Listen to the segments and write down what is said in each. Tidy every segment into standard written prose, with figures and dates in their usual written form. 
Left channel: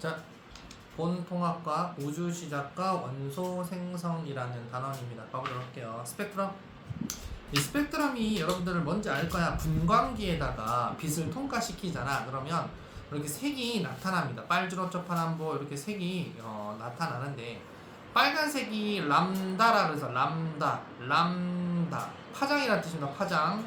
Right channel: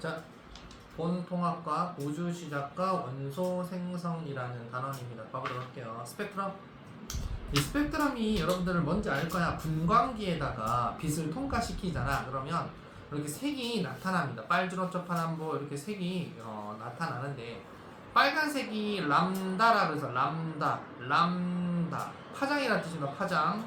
자, 본통합과 우주시작과 원소 생성이라는 단원입니다. 봐보도록 할게요. 스펙트럼. 이 스펙트럼이 여러분들은 뭔지 알 거야. 분광기에다가 빛을 통과시키잖아. 그러면 이렇게 색이 나타납니다. 빨주노초 파란보 이렇게 색이 나타나는데, 빨간색이 람다라 그래서 람다 파장이라는 뜻입니다. 파장.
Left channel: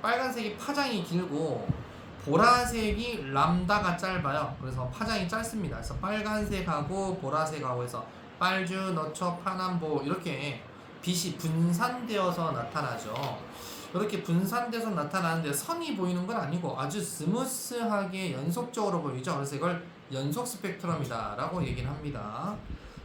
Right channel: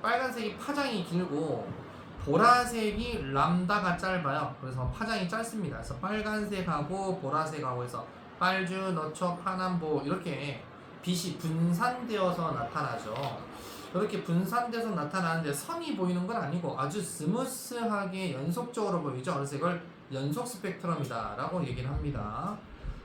빨간색이 파장이 길고 보라색이 람다가 짧아요. 그래서 파장이 짧습니다. 그래서 빨간색하고 보라색하고 해서 빨주, 너초, 파남보 이렇게 빛이 분산되어서 나타나죠. 이렇게 분산돼서 나타나는데 선이 보이는 건 아니고 아주 스무스하게 연속적으로 보이죠. 그래서 이걸 연속 스펙트럼이다 라고 얘기를 합니다.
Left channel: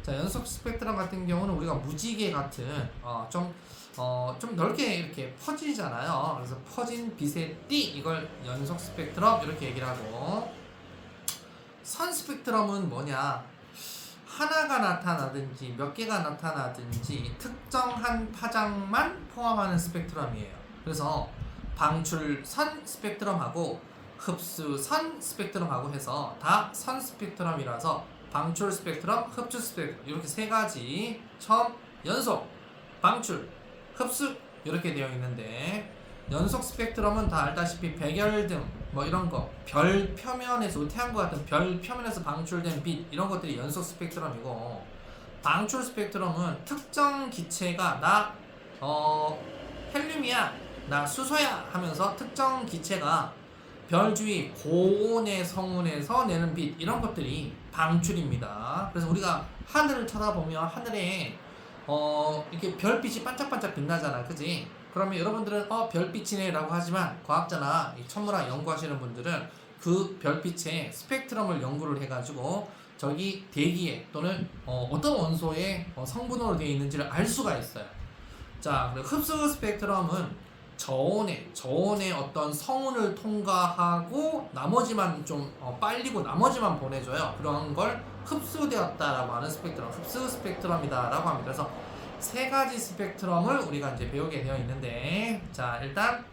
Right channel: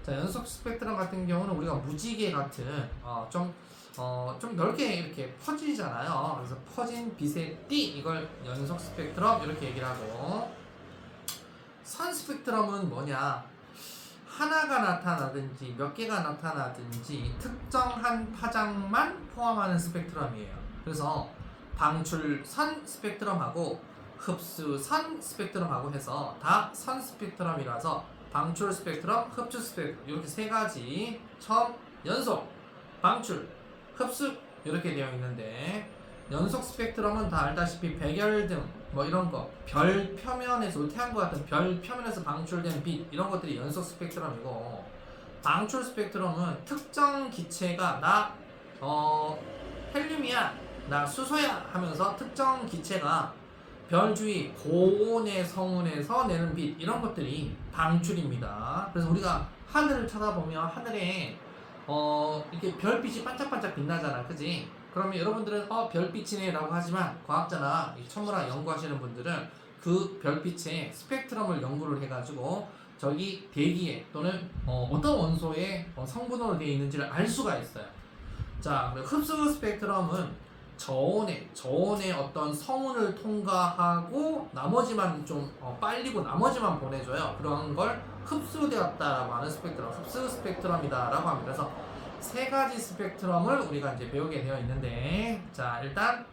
자, 연속 스펙트럼 같은 경우는 우리가 무지개 같은 좀 넓게 이렇게 퍼지잖아요. 그래서 퍼진 빛의 띠, 이걸 연속 스펙트럼 이렇게 얘기를 하고, 선 스펙트럼은 뭐냐? 하나가 나타나든지 몇 개가 나타나든지 특정한 파장만 포함하는 스펙트럼이에요. 그래서 방출선 스펙트럼하고 흡수선 스펙트럼하고 해서 다 선 스펙트럼이라서 방출 스펙트럼, 흡수 스펙트럼 이렇게 세 가지, 처음 연속, 방출, 흡수 이렇게 되어 있는데, 연속 스펙트럼은 다 알다시피 백열등 뭐 이런 거, 별 표면에서, 태양과 같은 별 표면에서 방출된 빛 이런 것들이 연속 스펙트럼이고, 방출 스펙트럼은 특정 기체가 나 헬륨이야, 나 수소야 하면서 특정 기체가 별 주위 고온의 성운에서 내는 빛 이런 것들이 방출입니다. 그래서 우리가 하늘을 쳐다보면 하늘에 이렇게 별빛이 반짝반짝 빛나잖아, 그지? 그러면 여러분들은 별빛이네 라고 하지만, 과학자나 이 천문학 연구하시는 분들은 그 별빛의 스펙트럼을 연구를 해가지고 저기 대기에 또는 어떤 원소의 성분으로 되어 있는지를 알 수가 있어요. 자, 흡수 스펙트럼은 저온의 어떤 성운을 통과하고 나머지만 좀 빨리고 나머지만 보내줘요. 그런 걸 흡수되었다라고 하는 스펙트럼, 흡수 스펙트럼이다라고 합니다. 그래서 세 가지 스펙트럼을 우리가 이제 배우게 되어 있는데, 자, 일단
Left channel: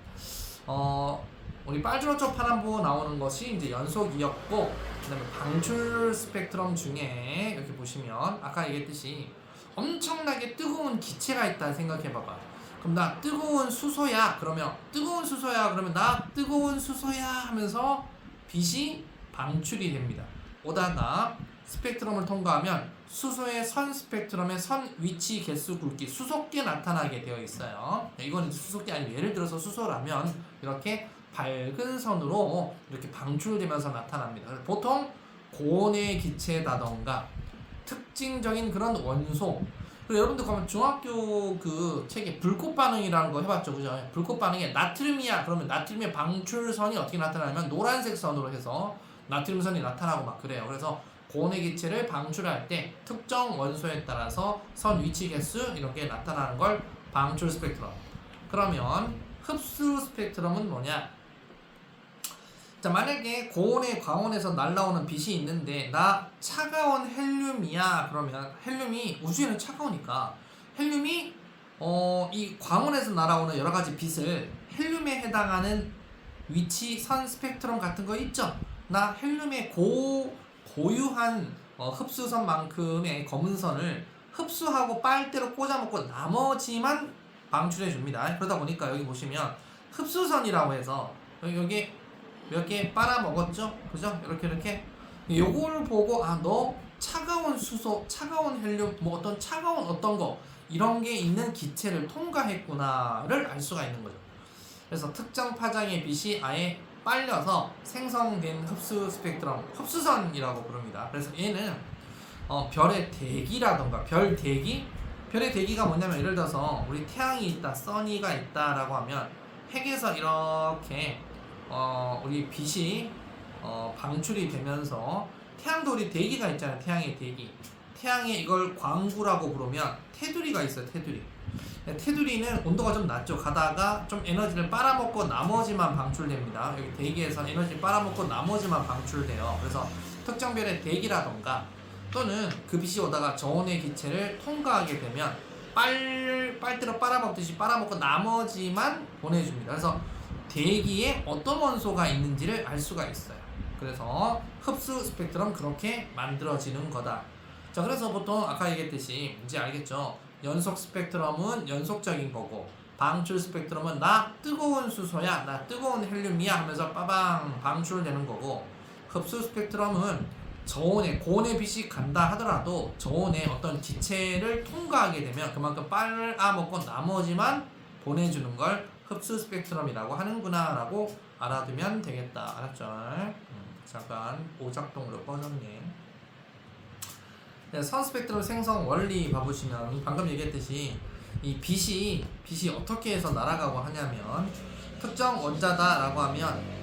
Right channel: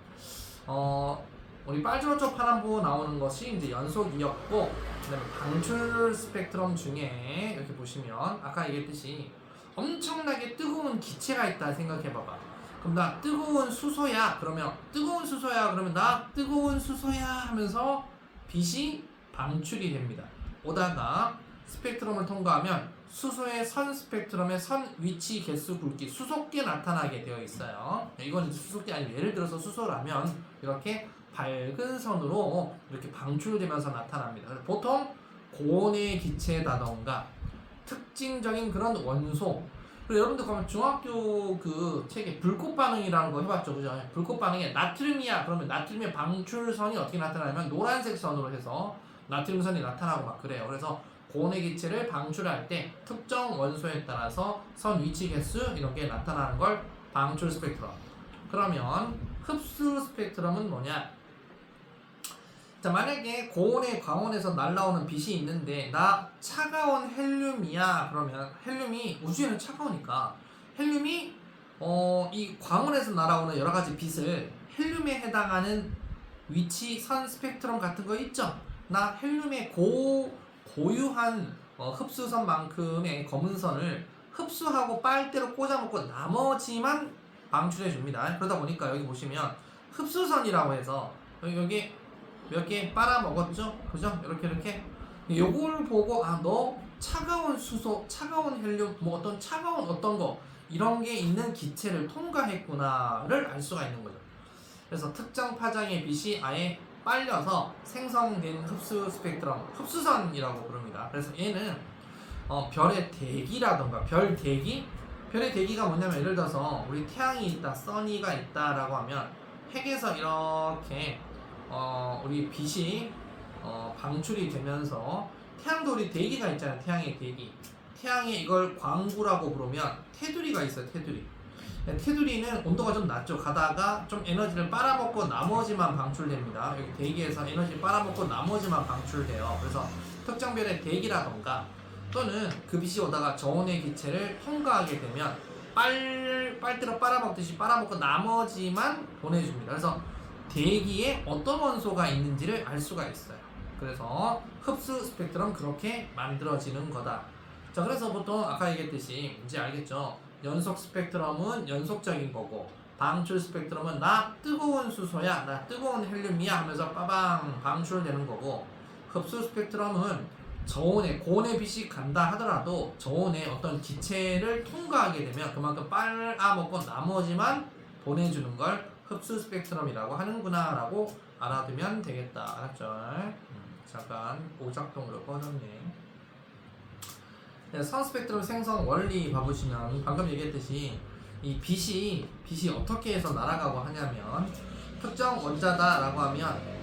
우리 빨주노초 파란보 나오는 것이 이제 연속이었고, 그다음에 방출 스펙트럼 중에 이렇게 보시면 아까 얘기했듯이 엄청나게 뜨거운 기체가 있다 생각해봐봐. 그럼 나 뜨거운 수소야 그러면 나 뜨거운 수소야 하면서 빛이 방출이 됩니다. 오다가 스펙트럼을 통과하면 수소의 선 스펙트럼의 선 위치 개수 굵기 수소께 나타나게 되어 있어요. 이건 수소께 아니고, 예를 들어서 수소라면 이렇게 밝은 선으로 이렇게 방출되면서 나타납니다. 보통 고온의 기체다던가 특징적인 그런 원소, 그리고 여러분들 가면 중학교 그 책에 불꽃 반응이라는 거 해봤죠, 그죠? 불꽃 반응에 나트륨이야 그러면 나트륨의 방출선이 어떻게 나타나냐면 노란색 선으로 해서 나트륨선이 나타나고 막 그래요. 그래서 고온의 기체를 방출할 때 특정 원소에 따라서 선 위치 개수 이런 게 나타나는 걸 방출 스펙트럼. 그러면 흡수 스펙트럼은 뭐냐? 자, 만약에 고온의 광원에서 날라오는 빛이 있는데 나 차가운 헬륨이야 그러면, 헬륨이 우주에는 차가우니까 헬륨이 이 광원에서 날아오는 여러 가지 빛을 헬륨에 해당하는 위치 선 스펙트럼 같은 거 있죠? 나 헬륨의 고유한 흡수선만큼의 검은 선을 흡수하고 빨대로 꽂아먹고 나머지만 방출해 줍니다. 그러다 보니까 여기 보시면 흡수선이라고 해서 여기 몇 개 빨아먹었죠? 그죠? 이렇게 요거를 보고 너 차가운 수소, 차가운 헬륨, 뭐 차가운 어떤 거 이런 게 있는 기체를 통과했구나를 알 수가 있는 거죠. 그래서 특정 파장의 빛이 아예 빨려서 생성된 흡수 스펙트럼, 흡수선이라고 부릅니다. 그래서 얘는 별의 대기라던가 별의 대기가 뭐냐면, 예를 들어서 우리 태양이 있다, 써니가 있다라고 하면 핵에서 이렇게 우리 빛이 방출이 되면서, 태양도 우리 대기가 있잖아요. 태양의 대기. 태양에 이걸 광구라고 부르면 테두리가 있어요. 테두리는 온도가 좀 낮죠. 가다가 좀 에너지를 빨아먹고 나머지만 방출됩니다. 여기 대기에서 에너지 빨아먹고 나머지만 방출돼요. 그래서 특정 별의 대기라던가 또는 그 빛이 오다가 저온의 기체를 통과하게 되면 빨대로 빨아먹듯이 빨아먹고 나머지만 보내줍니다. 그래서 대기에 어떤 원소가 있는지를 알 수가 있어요. 그래서 흡수 스펙트럼 그렇게 만들어지는 거다. 자, 그래서 보통 아까 얘기했듯이 이제 알겠죠? 연속 스펙트럼은 연속적인 거고 방출 스펙트럼은 나 뜨거운 수소야, 나 뜨거운 헬륨이야 하면서 빠방 방출되는 거고, 흡수 스펙트럼은 저온의 고온의 빛이 간다 하더라도 저온의 어떤 기체를 통과하게 되면 그만큼 빨아먹고 나머지만 보내주는 걸 흡수 스펙트럼이라고 하는구나 라고 알아두면 되겠다. 알았죠? 잠깐 오작동으로 꺼졌네. 네, 선 스펙트럼 생성 원리 봐보시면 방금 얘기했듯이 이 빛이 어떻게 해서 날아가고 하냐면, 특정 원자다라고 하면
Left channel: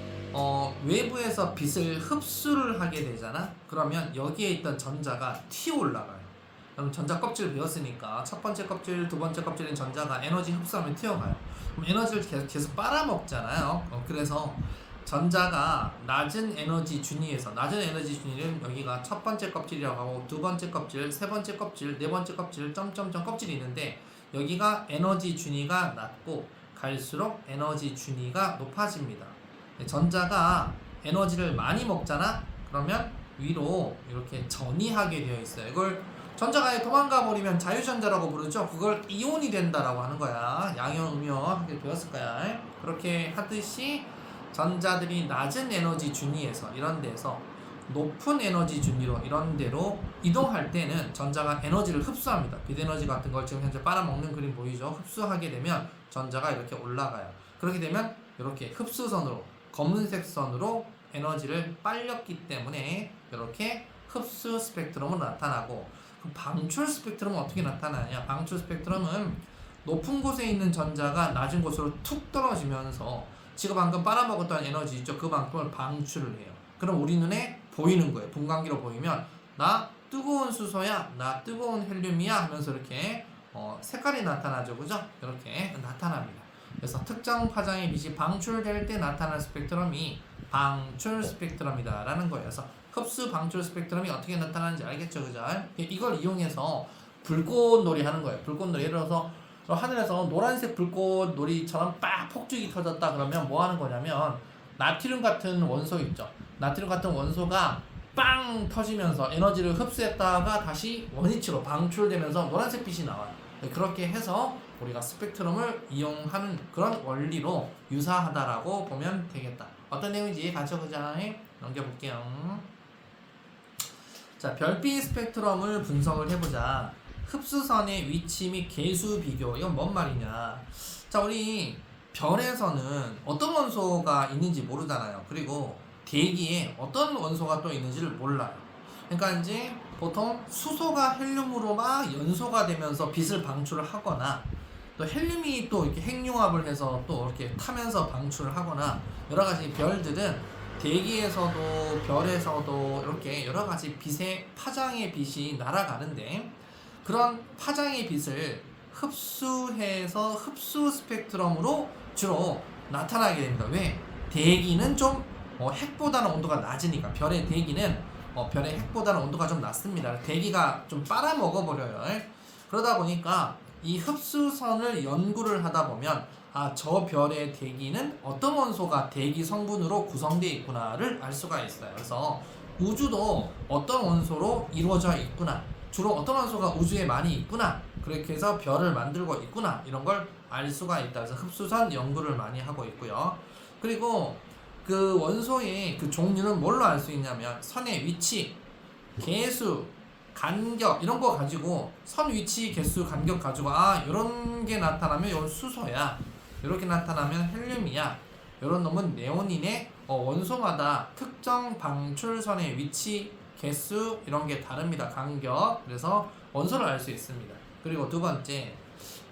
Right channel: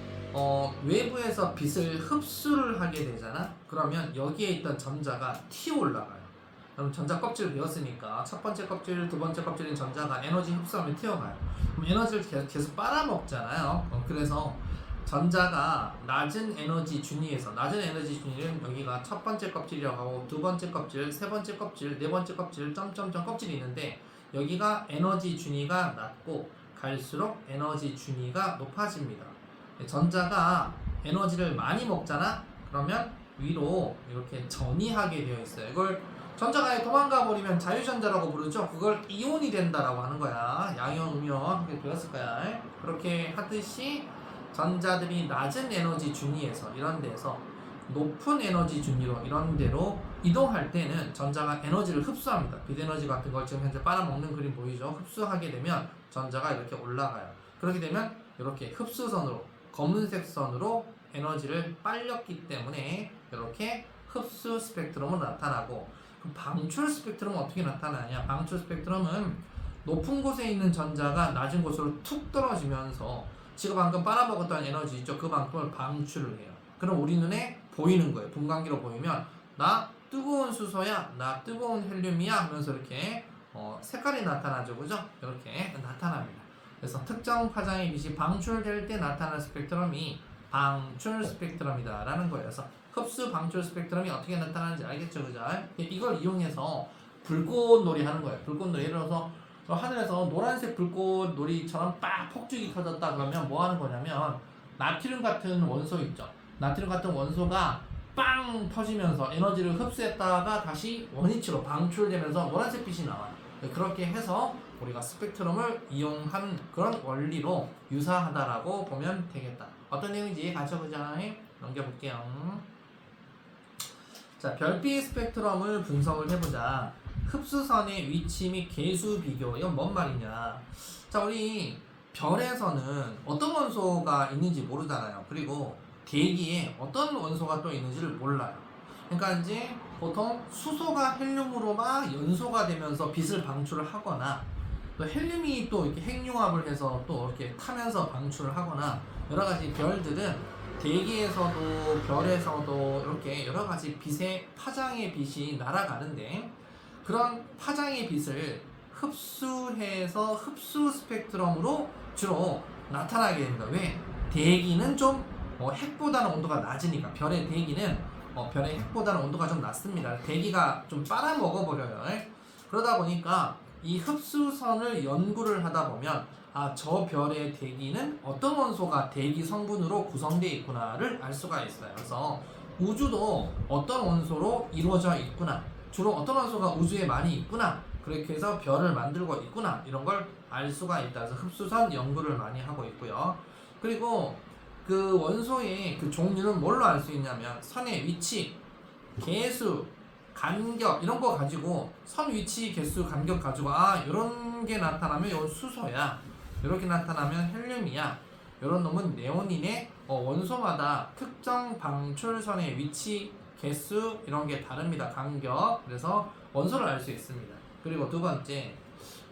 외부에서 빛을 흡수를 하게 되잖아. 그러면 여기에 있던 전자가 튀어 올라가요. 그럼 전자 껍질을 배웠으니까 첫 번째 껍질, 두 번째 껍질인 전자가 에너지 흡수하면 튀어가요. 그럼 에너지를 계속 빨아먹잖아요. 그래서 전자가 낮은 에너지 준위에서, 낮은 에너지 준위는 여기가 첫 번째 껍질이라고 하고 두 번째 껍질, 세 번째 껍질, 네 번째 껍질, 점점점 껍질이 있는데 여기가 에너지 준위가 낮고 갈수록 에너지 준위가 높아집니다. 전자가 에너지를 많이 먹잖아? 그러면 위로 이렇게 전이하게 되어 있어요. 이걸 전자가 도망가 버리면 자유전자라고 부르죠. 그걸 이온이 된다라고 하는 거야. 양이온, 음이온 이렇게 배웠을 거야. 그렇게 하듯이 전자들이 낮은 에너지 준위에서 이런 데서 높은 에너지 준위로 이런 데로 이동할 때는 전자가 에너지를 흡수합니다. 빛에너지 같은 걸 지금 현재 빨아먹는 그림 보이죠? 흡수하게 되면 전자가 이렇게 올라가요. 그렇게 되면 이렇게 흡수선으로, 검은색 선으로 에너지를 빨렸기 때문에 이렇게 흡수 스펙트럼으로 나타나고, 그럼 방출 스펙트럼은 어떻게 나타나냐? 방출 스펙트럼은 높은 곳에 있는 전자가 낮은 곳으로 툭 떨어지면서 지금 방금 빨아먹었던 에너지 있죠? 그만큼을 방출을 해요. 그럼 우리 눈에 보이는 거예요. 분광기로 보이면 나 뜨거운 수소야, 나 뜨거운 헬륨이야 하면서 이렇게 색깔이 나타나죠. 그죠? 이렇게 나타납니다. 그래서 특정 파장의 빛이 방출될 때 나타나는 스펙트럼이 방출 스펙트럼이다 라는 거예요. 그래서 흡수 방출 스펙트럼이 어떻게 나타나는지 알겠죠? 그죠? 이걸 이용해서 불꽃놀이 하는 거예요. 불꽃놀이. 예를 들어서 하늘에서 노란색 불꽃놀이처럼 빡 폭죽이 터졌다 그러면 뭐 하는 거냐면, 나트륨 같은 원소 있죠? 나트륨 같은 원소가 빵 터지면서 에너지를 흡수했다가 다시 원위치로 방출되면서 노란색 빛이 나와요. 그렇게 해서 우리가 스펙트럼을 이용한 그런 원리로 유사하다라고 보면 되겠다. 어떤 내용인지 같이 보자. 넘겨볼게요. 자, 별빛 스펙트럼을 분석을 해보자. 흡수선의 위치 및 개수 비교. 이건 뭔 말이냐? 자, 우리 별에서는 어떤 원소가 있는지 모르잖아요. 그리고 대기에 어떤 원소가 또 있는지를 몰라요. 그러니까 이제 보통 수소가 헬륨으로 막 연소가 되면서 빛을 방출을 하거나, 또 헬륨이 또 이렇게 핵융합을 해서 또 이렇게 타면서 방출을 하거나, 여러 가지 별들은 대기에서도 별에서도 이렇게 여러 가지 빛의 파장의 빛이 날아가는데, 그런 파장의 빛을 흡수해서 흡수 스펙트럼으로 주로 나타나게 됩니다. 왜? 대기는 좀 핵보다는 온도가 낮으니까. 별의 대기는 별의 핵보다는 온도가 좀 낮습니다. 대기가 좀 빨아먹어버려요. 그러다 보니까 이 흡수선을 연구를 하다 보면, 아, 저 별의 대기는 어떤 원소가 대기 성분으로 구성되어 있구나를 알 수가 있어요. 그래서 우주도 어떤 원소로 이루어져 있구나, 주로 어떤 원소가 우주에 많이 있구나, 그렇게 해서 별을 만들고 있구나, 이런 걸 알 수가 있다. 그래서 흡수선 연구를 많이 하고 있고요. 그리고 그 원소의 그 종류는 뭘로 알 수 있냐면, 선의 위치, 개수, 간격 이런 거 가지고, 선 위치, 개수, 간격 가지고, 아, 이런 게 나타나면 이건 수소야, 이렇게 나타나면 헬륨이야, 이런 놈은 네온이네. 원소마다 특정 방출선의 위치, 개수 이런 게 다릅니다. 간격. 그래서 원소를 알 수 있습니다. 그리고 두 번째,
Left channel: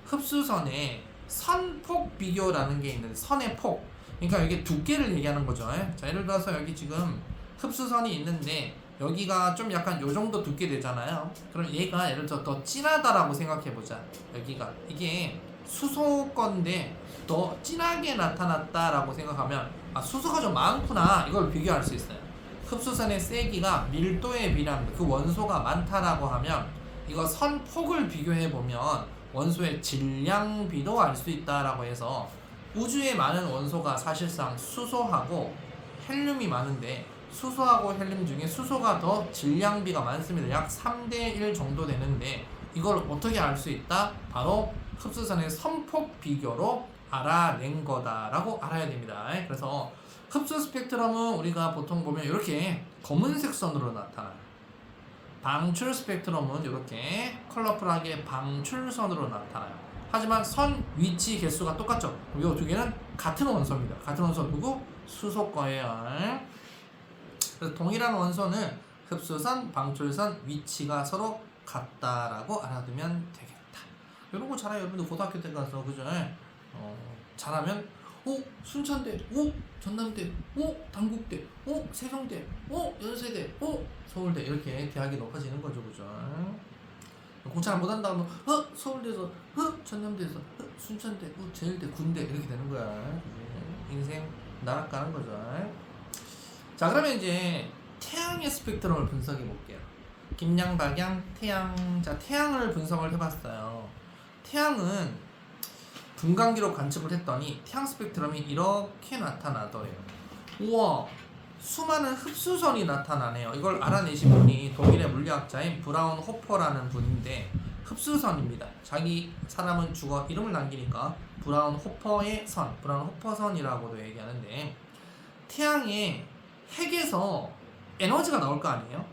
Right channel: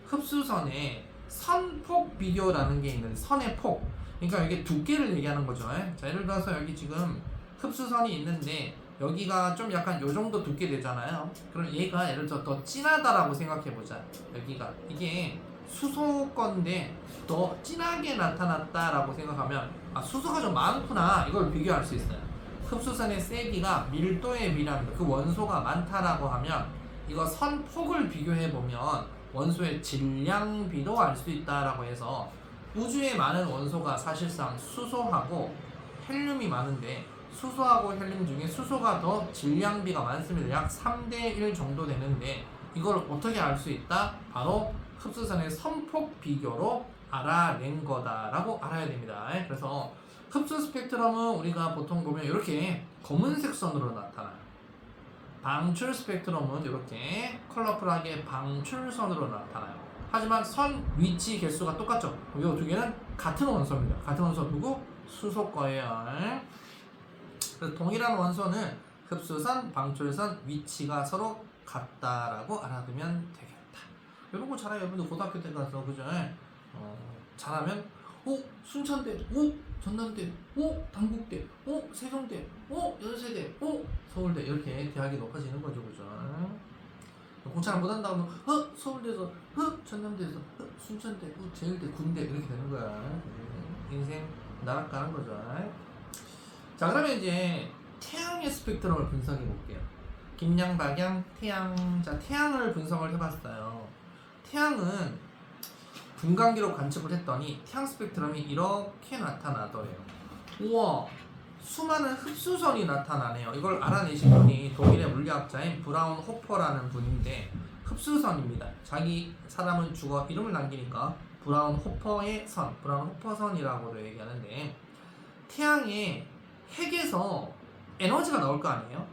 흡수선의 선폭 비교라는 게 있는데, 선의 폭, 그러니까 이게 두께를 얘기하는 거죠. 자, 예를 들어서 여기 지금 흡수선이 있는데 여기가 좀 약간 요 정도 두께 되잖아요. 그럼 얘가 예를 들어 더 진하다라고 생각해 보자. 여기가 이게 수소 건데 더 진하게 나타났다라고 생각하면, 아, 수소가 좀 많구나, 이걸 비교할 수 있어요. 흡수선의 세기가 밀도에 비례합니다. 그 원소가 많다라고 하면 이거 선폭을 비교해 보면 원소의 질량비도 알 수 있다라고 해서, 우주에 많은 원소가 사실상 수소하고 헬륨이 많은데 수소하고 헬륨 중에 수소가 더 질량비가 많습니다. 약 3대1 정도 되는데 이걸 어떻게 알 수 있다? 바로 흡수선의 선폭 비교로 알아낸 거다라고 알아야 됩니다. 그래서 흡수 스펙트럼은 우리가 보통 보면 이렇게 검은색 선으로 나타나요. 방출 스펙트럼은 이렇게 컬러풀하게 방출선으로 나타나요. 하지만 선 위치 개수가 똑같죠. 이 두 개는 같은 원소입니다. 같은 원소 누구? 수소 거예요. 그래서 동일한 원소는 흡수선, 방출선 위치가 서로 같다라고 알아두면 되겠다. 이런 거 잘해요. 여러분들 고등학교 때 가서 그죠? 잘하면 순천대, 전남대, 단국대, 세종대, 연세대, 서울대 이렇게 대학이 높아지는 거죠, 그죠? 공차를 못한다고 서울대에서, 전남대에서, 순천대, 제일대, 군대 이렇게 되는 거야. 인생 나락가는 거죠. 자, 그러면 이제 태양의 스펙트럼을 분석해 볼게요. 김양, 박양, 태양. 자, 태양을 분석을 해봤어요. 태양은 분광기로 관측을 했더니 태양 스펙트럼이 이렇게 나타나더래요. 우와, 수많은 흡수선이 나타나네요. 이걸 알아내신 분이 독일의 물리학자인 브라운 호퍼라는 분인데 흡수선입니다. 자기 사람은 죽어 이름을 남기니까 브라운 호퍼의 선, 브라운 호퍼선이라고도 얘기하는데 태양의 핵에서 에너지가 나올 거 아니에요?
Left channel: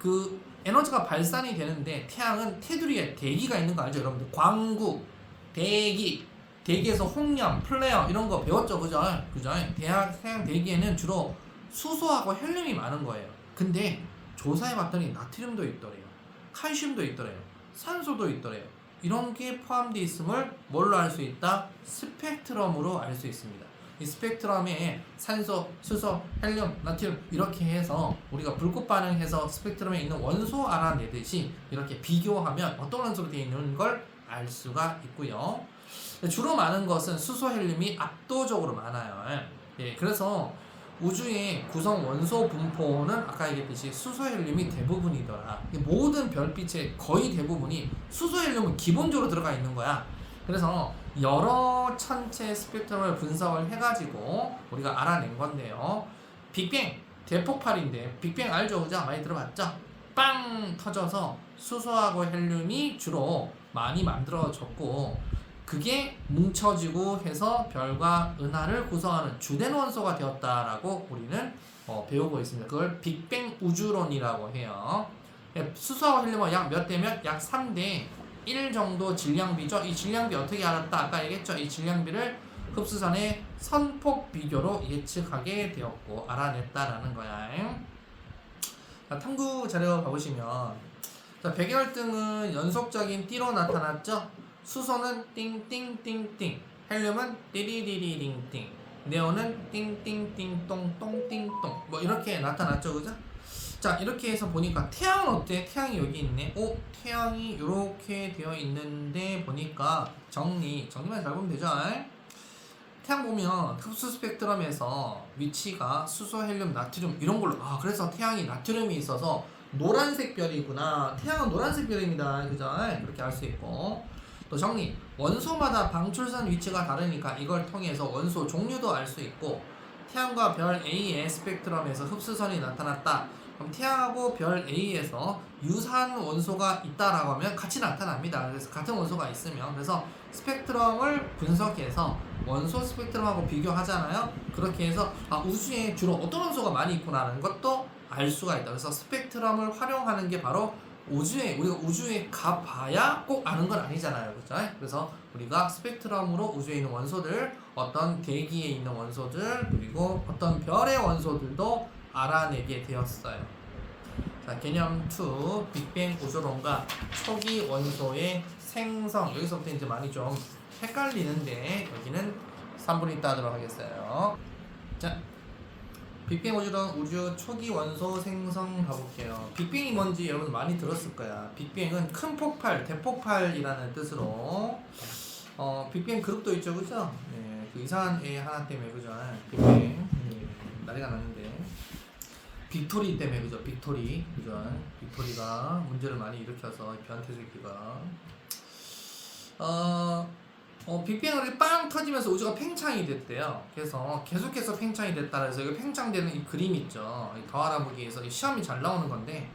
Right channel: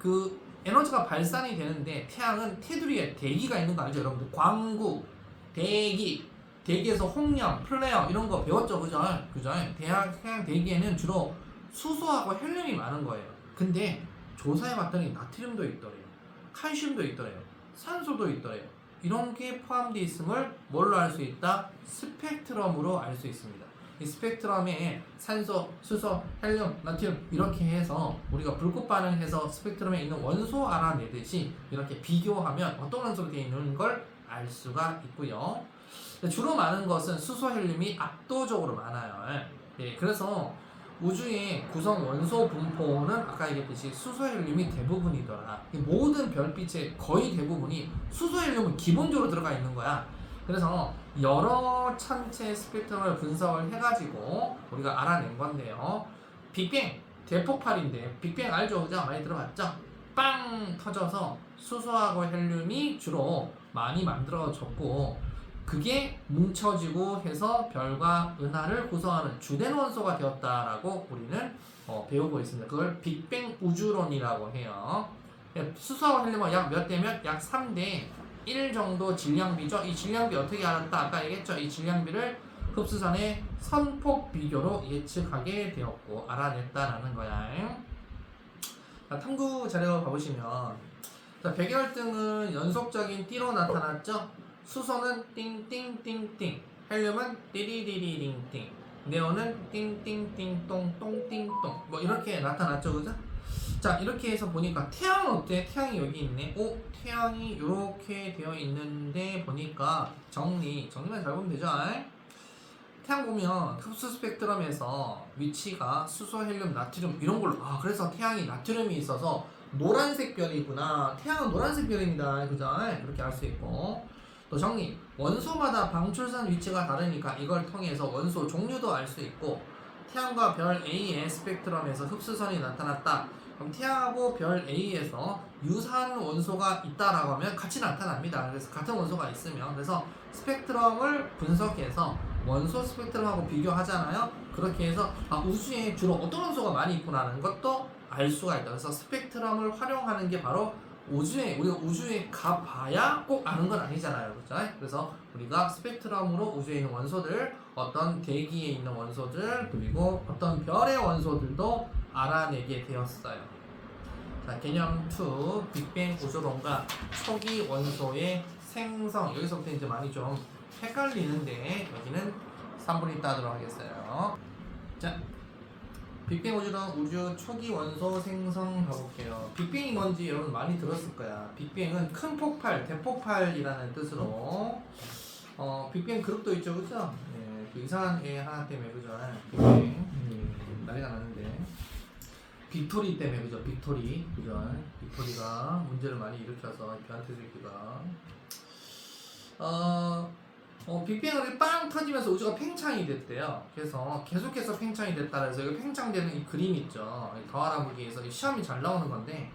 그 에너지가 발산이 되는데 태양은 테두리에 대기가 있는 거 알죠? 여러분들 광구, 대기에서 홍염, 플레어 이런 거 배웠죠? 그죠? 태양 대기에는 주로 수소하고 헬륨이 많은 거예요. 근데 조사해봤더니 나트륨도 있더래요. 칼슘도 있더래요. 산소도 있더래요. 이런 게 포함되어 있음을 뭘로 알 수 있다? 스펙트럼으로 알 수 있습니다. 이 스펙트럼에 산소, 수소, 헬륨, 나트륨 이렇게 해서 우리가 불꽃 반응해서 스펙트럼에 있는 원소 알아내듯이 이렇게 비교하면 어떤 원소로 되어 있는 걸 알 수가 있고요. 주로 많은 것은 수소, 헬륨이 압도적으로 많아요. 그래서 우주의 구성 원소 분포는 아까 얘기했듯이 수소, 헬륨이 대부분이더라. 모든 별빛의 거의 대부분이 수소, 헬륨은 기본적으로 들어가 있는 거야. 그래서 여러 천체 스펙트럼을 분석을 해가지고 우리가 알아낸 건데요. 빅뱅 대폭발인데 빅뱅 알죠? 그죠? 많이 들어봤죠? 빵 터져서 수소하고 헬륨이 주로 많이 만들어졌고 그게 뭉쳐지고 해서 별과 은하를 구성하는 주된 원소가 되었다라고 우리는 배우고 있습니다. 그걸 빅뱅 우주론이라고 해요. 수소하고 헬륨은 약 몇 대 몇? 약 3대 1 정도 질량비죠. 이 질량비 어떻게 알았다? 아까 얘기했죠. 이 질량비를 흡수선의 선폭 비교로 예측하게 되었고 알아냈다라는 거야. 탐구 자료 봐보시면 백열등은 연속적인 띠로 나타났죠. 수소는 띵띵띵띵, 헬륨은 띠리리리링띵, 네온은 띵띵띵똥똥띵똥 뭐 이렇게 나타났죠, 그죠? 자, 이렇게 해서 보니까 태양은 어때? 태양이 여기 있네. 태양이 이렇게 되어 있는데 보니까 정리만 잘 보면 되죠. 태양 보면 흡수 스펙트럼에서 위치가 수소, 헬륨, 나트륨 이런 걸로 그래서 태양이 나트륨이 있어서 노란색 별이구나. 태양은 노란색 별입니다. 그죠? 그렇게 알 수 있고 또 정리. 원소마다 방출선 위치가 다르니까 이걸 통해서 원소 종류도 알 수 있고 태양과 별 A의 스펙트럼에서 흡수선이 나타났다. 그럼 태양하고 별 A에서 유사한 원소가 있다라고 하면 같이 나타납니다. 그래서 같은 원소가 있으면 그래서 스펙트럼을 분석해서 원소 스펙트럼하고 비교하잖아요. 그렇게 해서 우주에 주로 어떤 원소가 많이 있구나라는 것도 알 수가 있다. 그래서 스펙트럼을 활용하는 게 바로 우리가 우주에 가봐야 꼭 아는 건 아니잖아요. 그죠? 그래서 우리가 스펙트럼으로 우주에 있는 원소들, 어떤 대기에 있는 원소들, 그리고 어떤 별의 원소들도 알아내게 되었어요. 자, 개념 2, 빅뱅 우주론과 초기 원소의 생성. 여기서부터 이제 많이 좀 헷갈리는데 여기는 3분 있다 하도록 하겠어요. 자, 빅뱅 우주론 우주 초기 원소 생성 가볼게요. 빅뱅이 뭔지 여러분 많이 들었을 거야. 빅뱅은 큰 폭발, 대폭발이라는 뜻으로 빅뱅 그룹도 있죠, 그죠? 그 이상한 애 하나 때문에 그죠? 빅뱅 난리가 나는데 빅토리 때문에 그죠? 빅토리 그죠? 빅토리가 문제를 많이 일으켜서 변태 새끼가 빅뱅이 빵 터지면서 우주가 팽창이 됐대요. 그래서 계속해서 팽창이 됐다 그래서 여기 팽창되는 이 그림 있죠. 이 더알아보기에서 시험이 잘 나오는 건데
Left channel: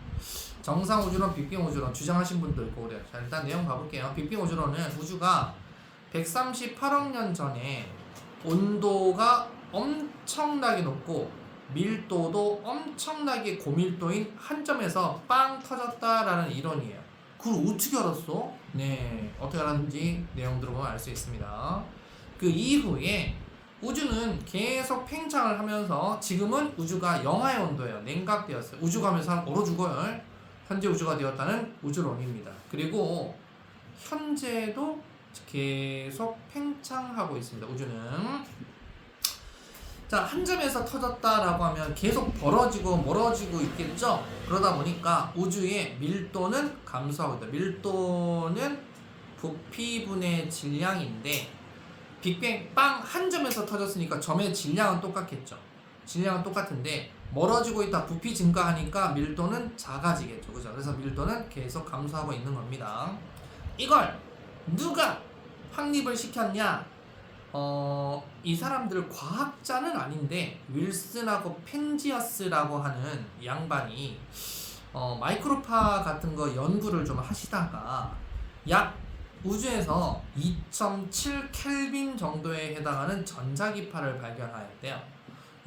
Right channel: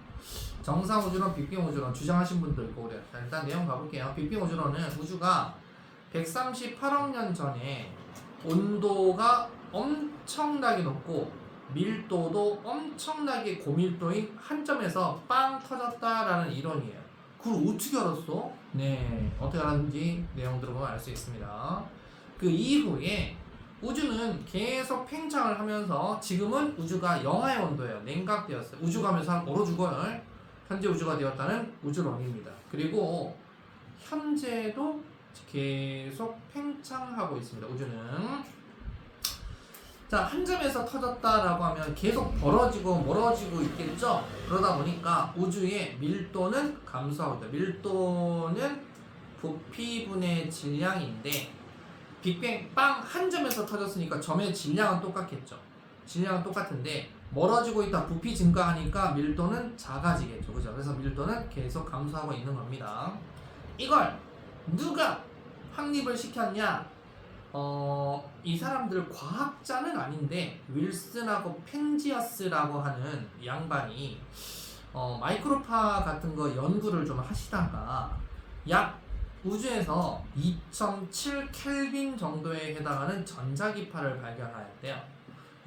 정상 우주론, 빅뱅 우주론 주장하신 분도 있고 그래요. 자, 일단 내용 가볼게요. 빅뱅 우주론은 우주가 138억 년 전에 온도가 엄청나게 높고 밀도도 엄청나게 고밀도인 한 점에서 빵 터졌다라는 이론이에요. 그걸 어떻게 알았어? 네, 어떻게 알았는지 내용 들어보면 알 수 있습니다. 그 이후에 우주는 계속 팽창을 하면서 지금은 우주가 영하의 온도예요. 냉각되었어요. 우주가 하면서 얼어 죽어요. 현재 우주가 되었다는 우주론입니다. 그리고 현재도 계속 팽창하고 있습니다. 우주는 자, 한 점에서 터졌다라고 하면 계속 벌어지고 멀어지고 있겠죠. 그러다 보니까 우주의 밀도는 감소하고 있다. 밀도는 부피분의 질량인데 빅뱅 빵 한 점에서 터졌으니까 점의 질량은 똑같겠죠. 질량은 똑같은데 멀어지고 있다. 부피 증가하니까 밀도는 작아지겠죠. 그죠? 그래서 밀도는 계속 감소하고 있는 겁니다. 이걸 누가 확립을 시켰냐? 이 사람들 과학자는 아닌데 윌슨하고 펜지어스라고 하는 양반이 마이크로파 같은 거 연구를 좀 하시다가 약 우주에서 2.7 켈빈 정도에 해당하는 전자기파를 발견하였대요.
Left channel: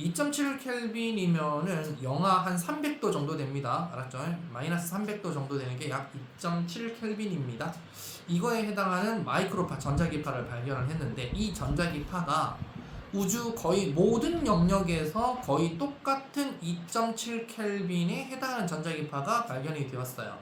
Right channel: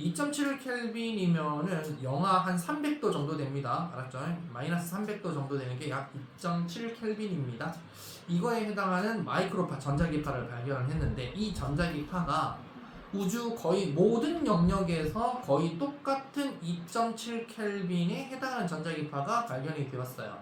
2.7 켈빈이면은 영하 한 300도 정도 됩니다. 알았죠? 마이너스 300도 정도 되는 게 약 2.7 켈빈입니다. 이거에 해당하는 마이크로파 전자기파를 발견을 했는데 이 전자기파가 우주 거의 모든 영역에서 거의 똑같은 2.7 켈빈에 해당하는 전자기파가 발견이 되었어요.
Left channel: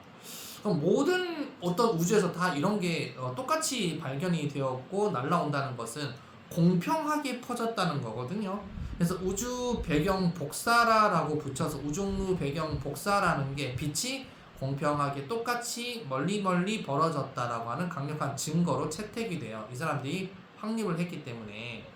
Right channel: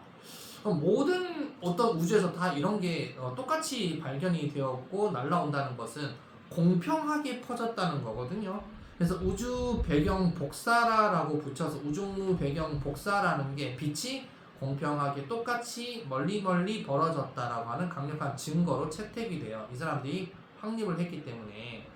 그럼 모든 어떤 우주에서 다 이런 게 똑같이 발견이 되었고 날라온다는 것은 공평하게 퍼졌다는 거거든요. 그래서 우주 배경 복사라라고 붙여서 우주 배경 복사라는 게 빛이 공평하게 똑같이 멀리 벌어졌다라고 하는 강력한 증거로 채택이 돼요. 이 사람들이 확립을 했기 때문에.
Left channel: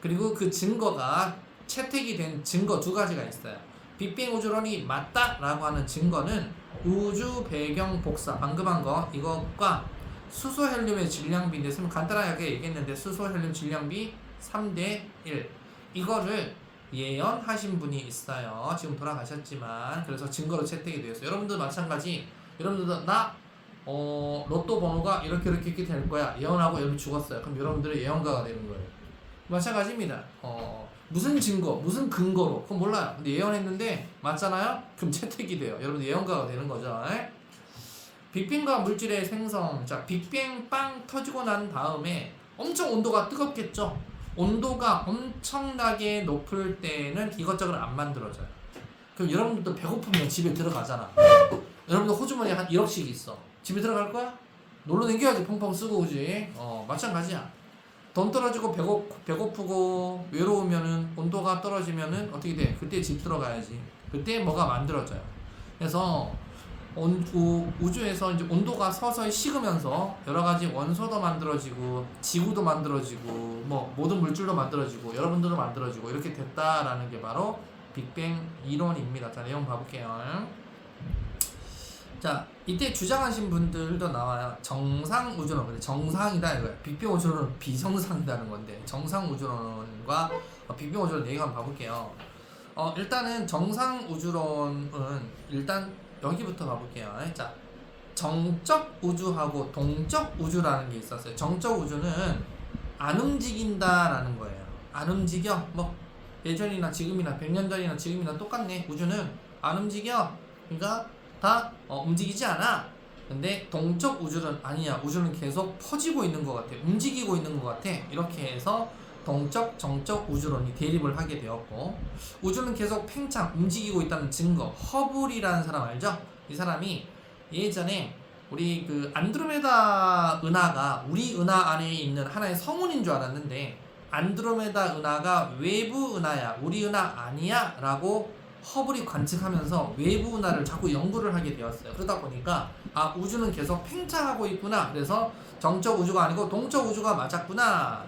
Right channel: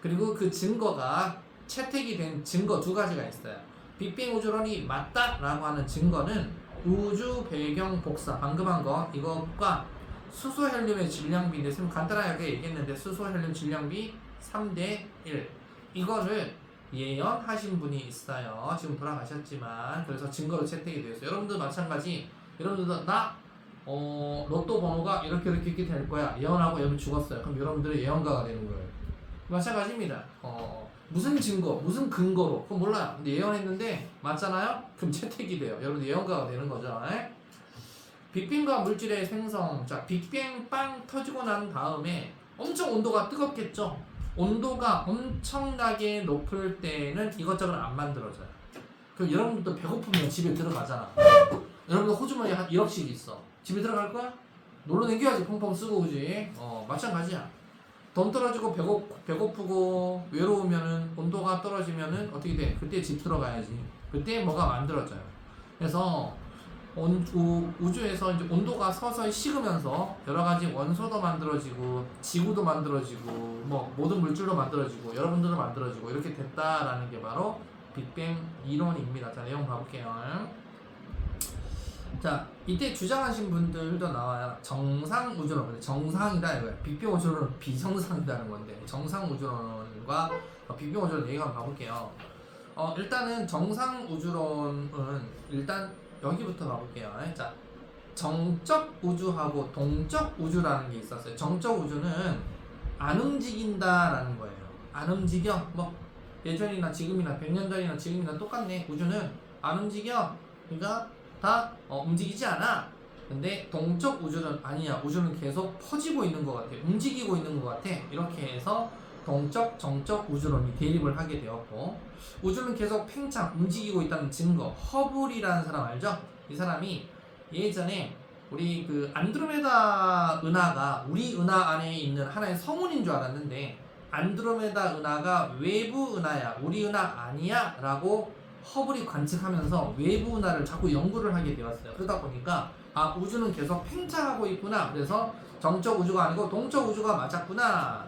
그리고 그 증거가 채택이 된 증거 두 가지가 있어요. 빅뱅 우주론이 맞다라고 하는 증거는 우주 배경 복사 방금 한 거 이것과 수소 헬륨의 질량비인데 좀 간단하게 얘기했는데 수소 헬륨 질량비 3대 1 이거를 예언하신 분이 있어요. 지금 돌아가셨지만 그래서 증거로 채택이 되었어요. 여러분들 마찬가지. 여러분들도 나 로또 번호가 이렇게 될 거야. 예언하고 여러분 죽었어요. 그럼 여러분들은 예언가가 되는 거예요. 마찬가지입니다. 무슨 증거, 무슨 근거로 그건 몰라요. 근데 예언했는데 맞잖아요. 그럼 채택이 돼요. 여러분들 예언가가 되는 거죠. 빅뱅과 물질의 생성. 자, 빅뱅 빵 터지고 난 다음에 엄청 온도가 뜨겁겠죠. 온도가 엄청나게 높을 때는 이것저것 안 만들어져요. 그럼 여러분들도 배고프면 집에 들어가잖아. 여러분들 호주머니에 한 1억씩 있어. 집에 들어갈 거야? 놀러 다녀야지. 펑펑 쓰고 그지? 마찬가지야. 돈 떨어지고 배고프고 외로우면은 온도가 떨어지면은 어떻게 돼? 그때 집 들어가야지. 그때 뭐가 만들어져요. 그래서 우주에서 이제 온도가 서서히 식으면서 여러 가지 원소도 만들어지고 지구도 만들어지고 뭐 모든 물질도 만들어지고 여러분들도 만들어지고 이렇게 됐다라는 게 바로 빅뱅 이론입니다. 자, 내용 봐볼게요. 자, 이때 주장하신 분들도 나와요. 정상 우주론, 정상이다 이거야. 빅뱅 우주론은 비정상이라는 건데 정상 우주론과 빅뱅 우주론 얘기 한번 봐볼게요. 일단은 정상 우주론은 일단 여기부터 가볼게요. 자, 정적 우주하고 동적 우주라는 게 있었어요. 정적 우주는 안 움직인다라는 거예요. 안 움직여. 뭐 예전이나 지금이나 100년 전이나 지금이나 똑같네. 우주는 안 움직여. 그러니까 다 움직이지 않아. 근데 동적 우주는 아니야. 우주는 계속 퍼지고 있는 것 같아. 움직이고 있는 것 같아. 이렇게 해서 동적, 정적 우주론이 대립을 하게 되었고 우주는 계속 팽창, 움직이고 있다는 증거 허블이라는 사람 알죠? 이 사람이 예전에 우리 그 안드로메다 은하가 우리 은하 안에 있는 하나의 성운인 줄 알았는데 안드로메다 은하가 외부 은하야, 우리 은하 아니야 라고 허블이 관측하면서 외부 은하를 자꾸 연구를 하게 되었어요. 그러다 보니까 아, 우주는 계속 팽창하고 있구나. 그래서 정적 우주가 아니고 동적 우주가 맞았구나.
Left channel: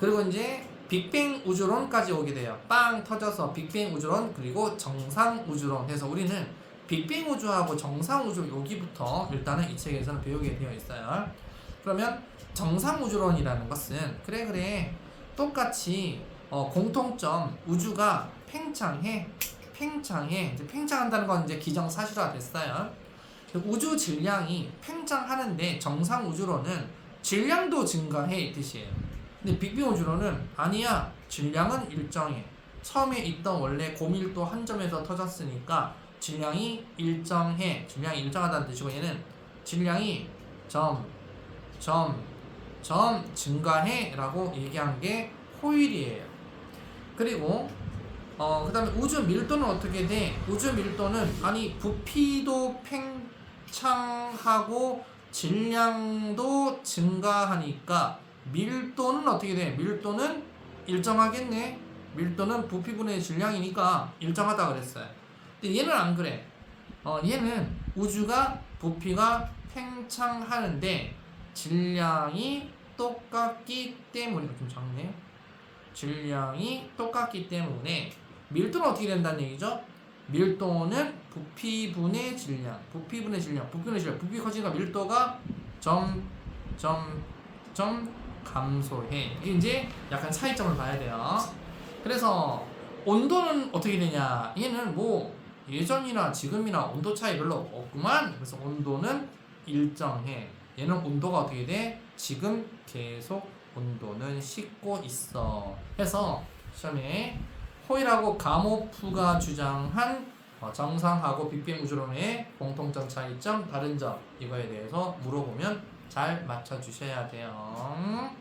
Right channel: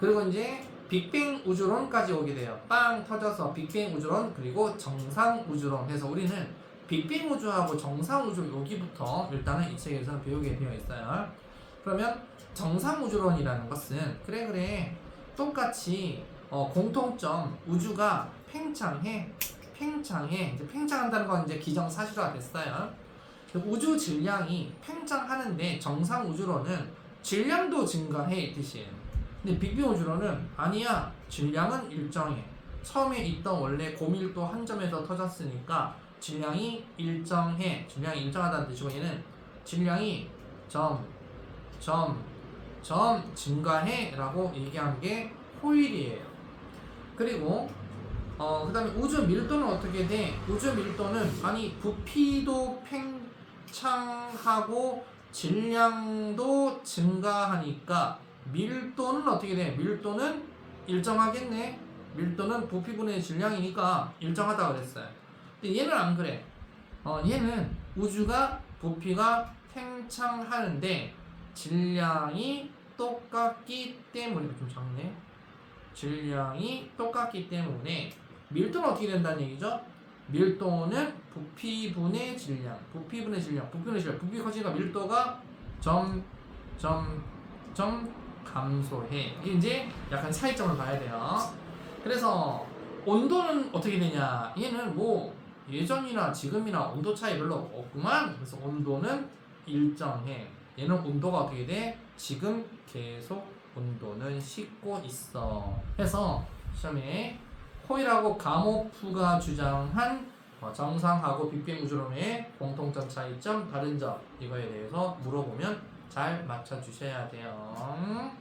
그리고 이제 빅뱅 우주론까지 오게 돼요. 빵 터져서 빅뱅 우주론 그리고 정상 우주론 해서 우리는 빅뱅 우주하고 정상 우주 여기부터 일단은 이 책에서는 배우게 되어 있어요. 그러면 정상우주론이라는 것은 그래 똑같이 공통점 우주가 팽창해. 이제 팽창한다는 건 이제 기정사실화 됐어요. 우주 질량이 팽창하는데 정상우주론은 질량도 증가해 이 뜻이에요. 근데 빅뱅우주론은 아니야. 질량은 일정해. 처음에 있던 원래 고밀도 한 점에서 터졌으니까 질량이 일정해. 질량이 일정하다는 뜻이고 얘는 질량이 점 증가해 라고 얘기한 게 호일이에요. 그리고 그 다음에 우주 밀도는 어떻게 돼? 우주 밀도는 아니 부피도 팽창하고 질량도 증가하니까 밀도는 어떻게 돼? 밀도는 일정하겠네. 밀도는 부피분의 질량이니까 일정하다 그랬어요. 근데 얘는 안 그래. 얘는 우주가 부피가 팽창하는데 질량이 똑같기 때문에 좀 작네요. 질량이 똑같기 때문에 밀도는 어떻게 된다는 얘기죠? 밀도는 부피분의 질량, 부피 커지니까 밀도가 점 감소해. 이게 이제 약간 차이점을 봐야 돼요. 그래서 온도는 어떻게 되냐? 얘는 뭐 예전이나 지금이나 온도 차이 별로 없구만. 그래서 온도는 일정해. 얘는 온도가 어떻게 돼? 지금 계속 온도는 식고 있어. 해서 시험에 호일하고 가모프가 주장한 정상하고 빅뱅 우주론의 공통점 차이점 다른 점 이거에 대해서 물어보면 잘 맞춰주셔야 돼요.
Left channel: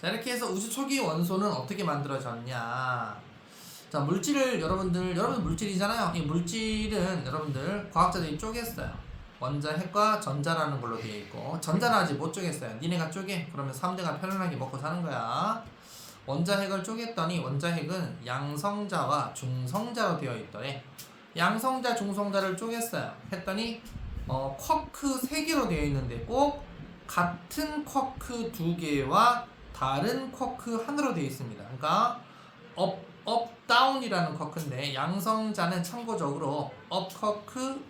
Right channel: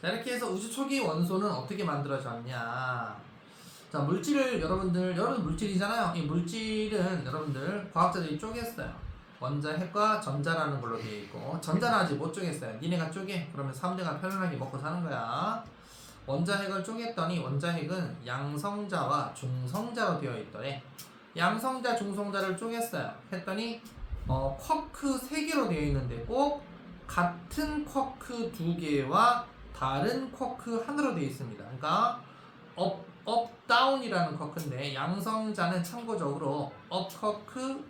자, 이렇게 해서 우주 초기 원소는 어떻게 만들어졌냐. 자, 물질을 여러분 물질이잖아요. 이 물질은 여러분들 과학자들이 쪼갰어요. 원자핵과 전자라는 걸로 되어 있고, 전자는 아직 못 쪼갰어요. 니네가 쪼개. 그러면 3대가 편안하게 먹고 사는 거야. 원자핵을 쪼갰더니 원자핵은 양성자와 중성자로 되어 있더래. 양성자, 중성자를 쪼갰어요. 했더니 쿼크 3개로 되어 있는데 꼭 같은 쿼크 2개와 다른 쿼크 하나로 되어 있습니다. 그러니까 업 다운이라는 쿼크인데 양성자는 참고적으로 업 쿼크,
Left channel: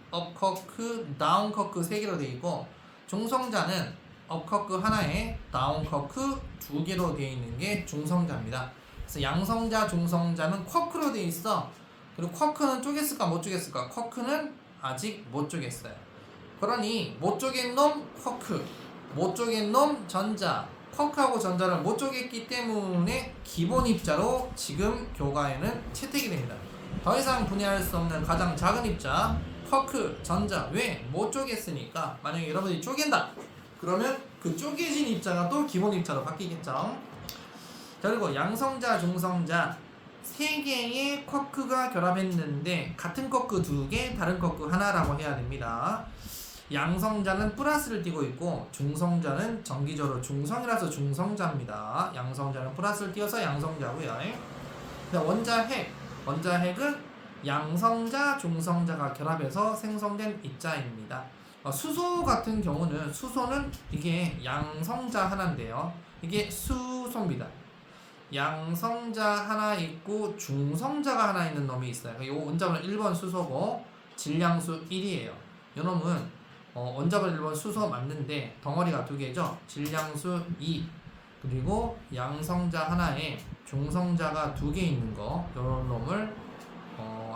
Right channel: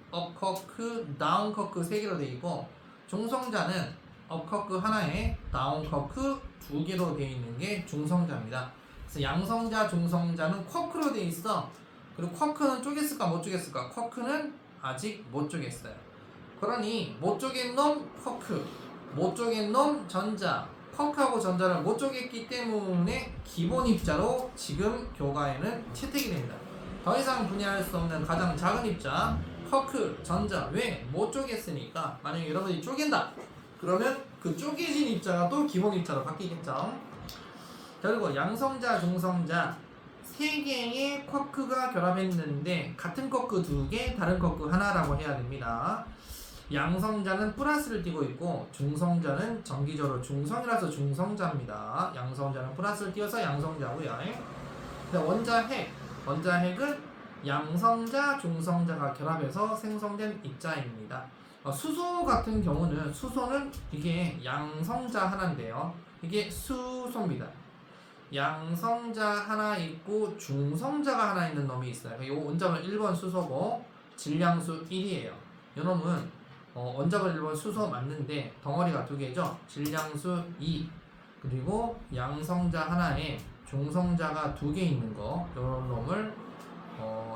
다운 쿼크 3개로 되어 있고, 중성자는 업 쿼크 하나에 다운 쿼크 2개로 되어 있는 게 중성자입니다. 그래서 양성자, 중성자는 쿼크로 되어 있어. 그리고 쿼크는 쪼갰을까 못 쪼갰을까? 쿼크는 아직 못 쪼갰어요. 그러니 못 쪼갠 놈 쿼크, 못 쪼갠 놈 전자. 쿼크하고 전자를 못 쪼갰기 때문에 기본 입자로 지금 교과에는 채택이 됩니다. 더 이상 분해할 수 없는 가장 작은 입자 쿼크, 전자. 왜? 못 쪼갰으니까. 만약에 여러분이 쪼갠다 그러면 그 쪼개진 입자가 또 기본 입자로 바뀌겠죠. 그리고 양성자, 중성자 3개의 쿼크가 결합했는데 같은 쿼크 2개, 다른 쿼크 하나라고 해야 됩니다. 양성자는 플러스를 띄고 있고 중성자는 정기적으로 중성이라서 중성자입니다. 양성자는 플러스를 띄어서 양성자고요. 원자핵은 양성자, 중성자가 결합해서 생성된 입자입니다. 수소 같은 경우는 수소는 이게 양성자 하나인데요. 이게 수소입니다. 양성자 하나 있고 중성자가 하나 있는 놈이 있어요. 이 원자번호 1번 수소고 질량수 1이에요. 이 놈은 원자번 1번 수소 맞는데 덩어리가 2개죠. 질량수 2 그리고 양성자 하나에 중성자가 2개 있는 거 이런 놈을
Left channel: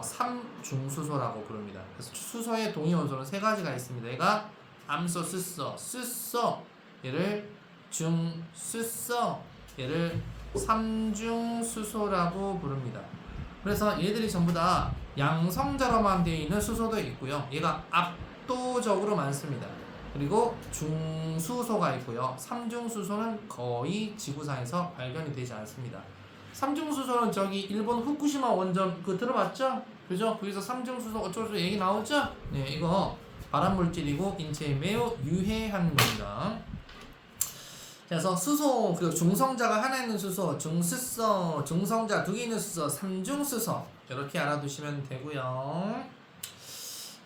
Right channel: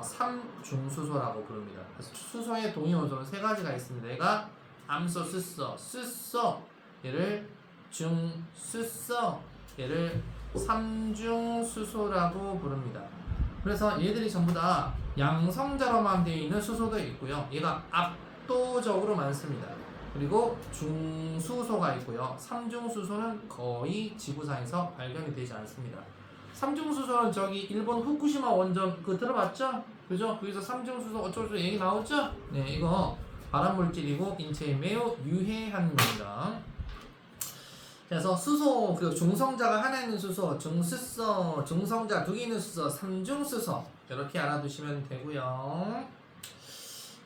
3중수소라고 부릅니다. 그래서 수소의 동위원소는 3가지가 있습니다. 얘가 암소, 수소 얘를 중수소 얘를 3중수소라고 부릅니다. 그래서 얘들이 전부 다 양성자로만 되어 있는 수소도 있고요. 얘가 압도적으로 많습니다. 그리고 중수소가 있고요. 3중수소는 거의 지구상에서 발견이 되지 않습니다. 3중수소는 저기 일본 후쿠시마 원전 들어봤죠? 그죠? 거기서 3중수소 어쩌고저쩌고 얘기 나오죠? 네, 이거 발암물질이고 인체에 매우 유해한 겁니다. 그래서 수소, 그 중성자가 하나 있는 수소, 중수소, 중성자 2개 있는 수소, 3중수소 이렇게 알아두시면 되고요.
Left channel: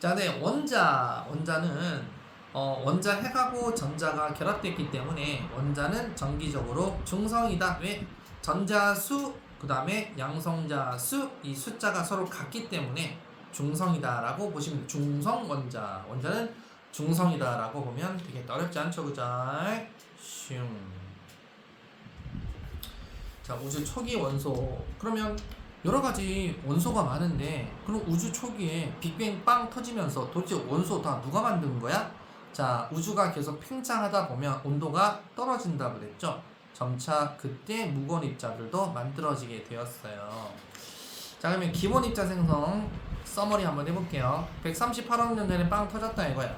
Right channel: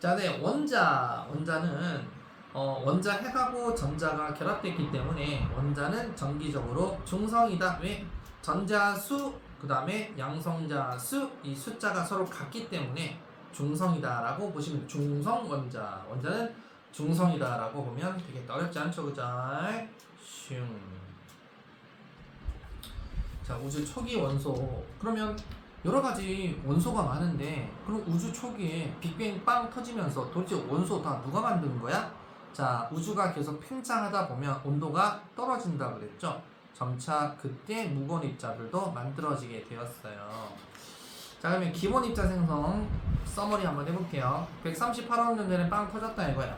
자, 네, 원자는 원자핵하고 전자가 결합됐기 때문에 원자는 정기적으로 중성이다. 왜? 전자수 그 다음에 양성자수 이 숫자가 서로 같기 때문에 중성이다 라고 보시면 중성원자는 중성이다라고 보면 되게 어렵지 않죠, 그죠? 슝. 자, 우주 초기 원소. 그러면 여러 가지 원소가 많은데, 그럼 우주 초기에 빅뱅 빵 터지면서 도대체 원소 다 누가 만든 거야? 자, 우주가 계속 팽창하다 보면 온도가 떨어진다 그랬죠? 점차 그때 무거운 입자들도 만들어지게 되었어요. 자, 그러면 기본 입자 생성 서머리 한번 해볼게요. 138억 년 전에 빵 터졌다 이거야.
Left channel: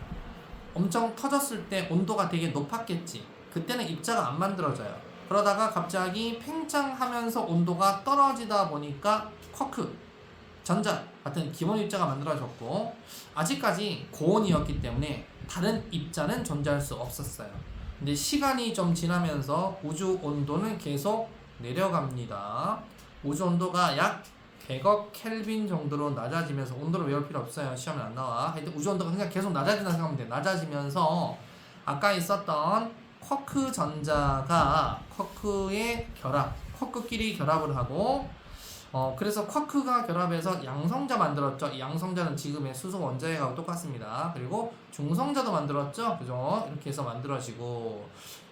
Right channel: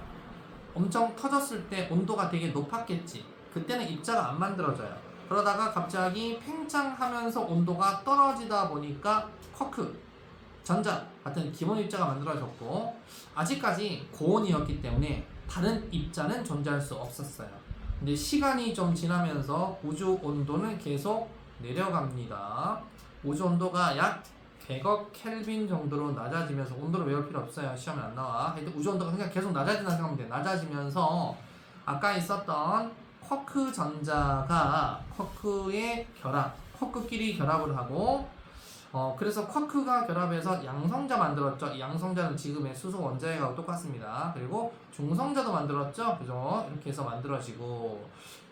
엄청 터졌을 때 온도가 되게 높았겠지. 그때는 입자가 안 만들어져요. 그러다가 갑자기 팽창하면서 온도가 떨어지다 보니까 쿼크, 전자 같은 기본 입자가 만들어졌고, 아직까지 고온이었기 때문에 다른 입자는 존재할 수 없었어요. 근데 시간이 좀 지나면서 우주 온도는 계속 내려갑니다. 우주 온도가 약 100억 켈빈 정도로 낮아지면서, 온도를 외울 필요 없어요. 시험에 안 나와. 하여튼 우주 온도가 그냥 계속 낮아진다고 생각하면 돼. 낮아지면서 아까 있었던 쿼크 전자가 쿼크의 결합, 쿼크끼리 결합을 하고, 그래서 쿼크가 결합해서 양성자 만들었죠. 이 양성자는 지금의 수소 원자핵하고 똑같습니다. 그리고 중성자도 만들었죠. 그죠? 이렇게 해서 만들어지고,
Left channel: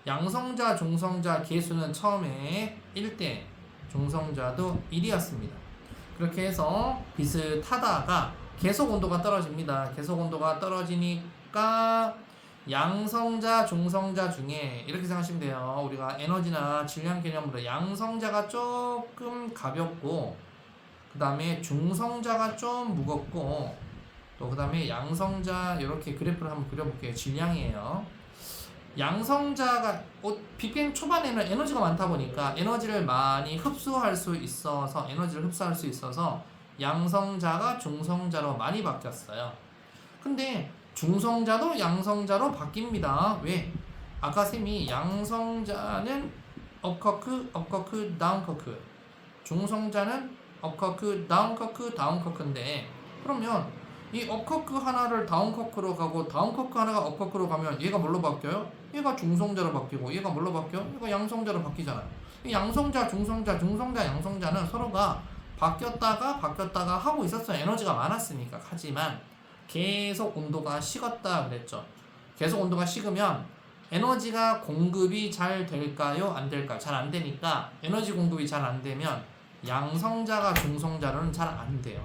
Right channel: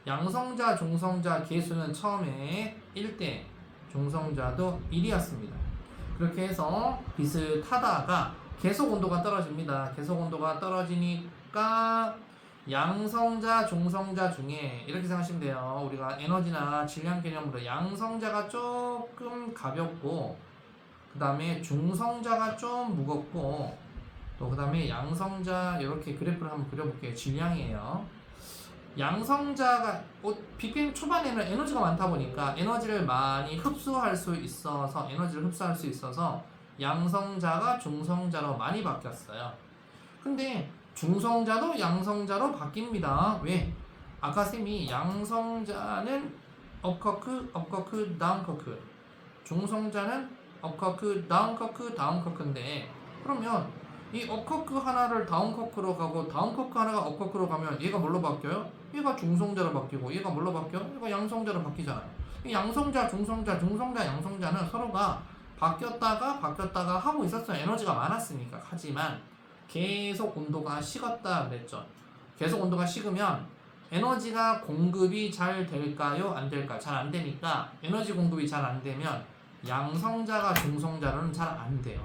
양성자, 중성자 개수는 처음에 1대, 중성자도 1이었습니다. 그렇게 해서 비슷하다가 계속 온도가 떨어집니다. 계속 온도가 떨어지니까 양성자, 중성자 중에 이렇게 생각하시면 돼요. 우리가 에너지나 질량 개념으로 양성자가 조금 가볍고, 그 다음에 중성자가 좀 무겁고, 또 그 다음에 양성자, 이렇게 그래프를 한번 그려볼게요. 질량이에요. 양성자가 빅뱅 초반에는 에너지가 많다 보니까 에너지를 많이 흡수할 수 있어서, 에너지를 흡수할 수 있어서 양성자가 중성자로 많이 바뀌었어요. 근데 중성자도 양성자로 바뀝니다. 왜? 아까 쌤이 양성자는 업커크, 업커크, 다운커크, 중성자는 업커크, 다운커크, 다운커크인데, 그러면 이 업커크 하나를 다운커크로 가고 다운커크 하나가 업커크로 가면 얘가 뭘로 바뀌어요? 얘가 중성자로 바뀌고, 얘가 뭘로 바뀌어? 얘가 양성자로 바뀌잖아. 이 양성자, 중성자, 중성자, 양성자는 서로가 바뀌었다가 하고 있었어요. 에너지가 많았으니까. 하지만 계속 온도가 식었다 그랬죠. 계속 온도가 식으면 에너지가 공급이 잘 될까요? 안 될까요? 잘 안 되니까, 에너지 공급이 잘 안 되면 양성자가 중성자로는 잘 안 돼요.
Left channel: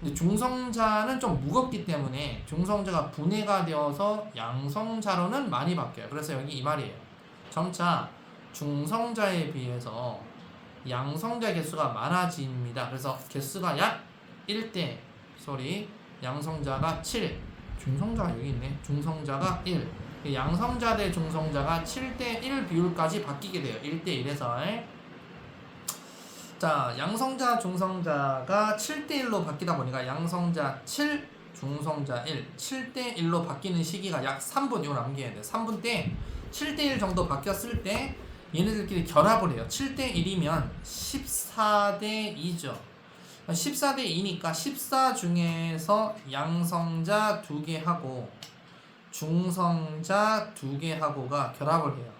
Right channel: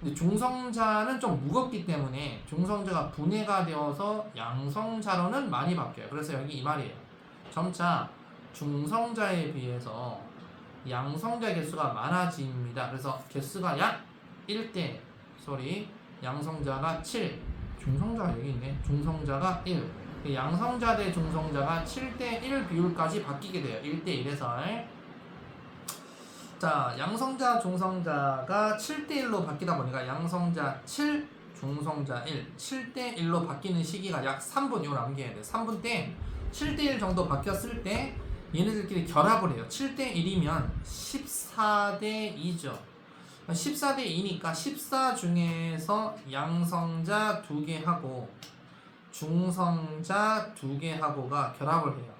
근데 중성자는 좀 무겁기 때문에 중성자가 분해가 되어서 양성자로는 많이 바뀌어요. 그래서 여기 이 말이에요. 점차 중성자에 비해서 양성자 개수가 많아집니다. 그래서 개수가 약 1대, 양성자가 7, 중성자가 여기 있네. 중성자가 1. 양성자 대 중성자가 7대 1 비율까지 바뀌게 돼요. 1대 1에서. 자, 양성자, 중성자가 7대 1로 바뀌다 보니까 양성자 7, 중성자 1, 7대 1로 바뀌는 시기가 약 3분, 이거 남겨야 돼. 3분 때 7대 1 정도 바뀌었을 때 얘네들끼리 결합을 해요. 7대 1이면 14대 2죠. 14대 2니까 14 중에서 양성자 2개 하고 중성자 2개 하고가 결합을 해요.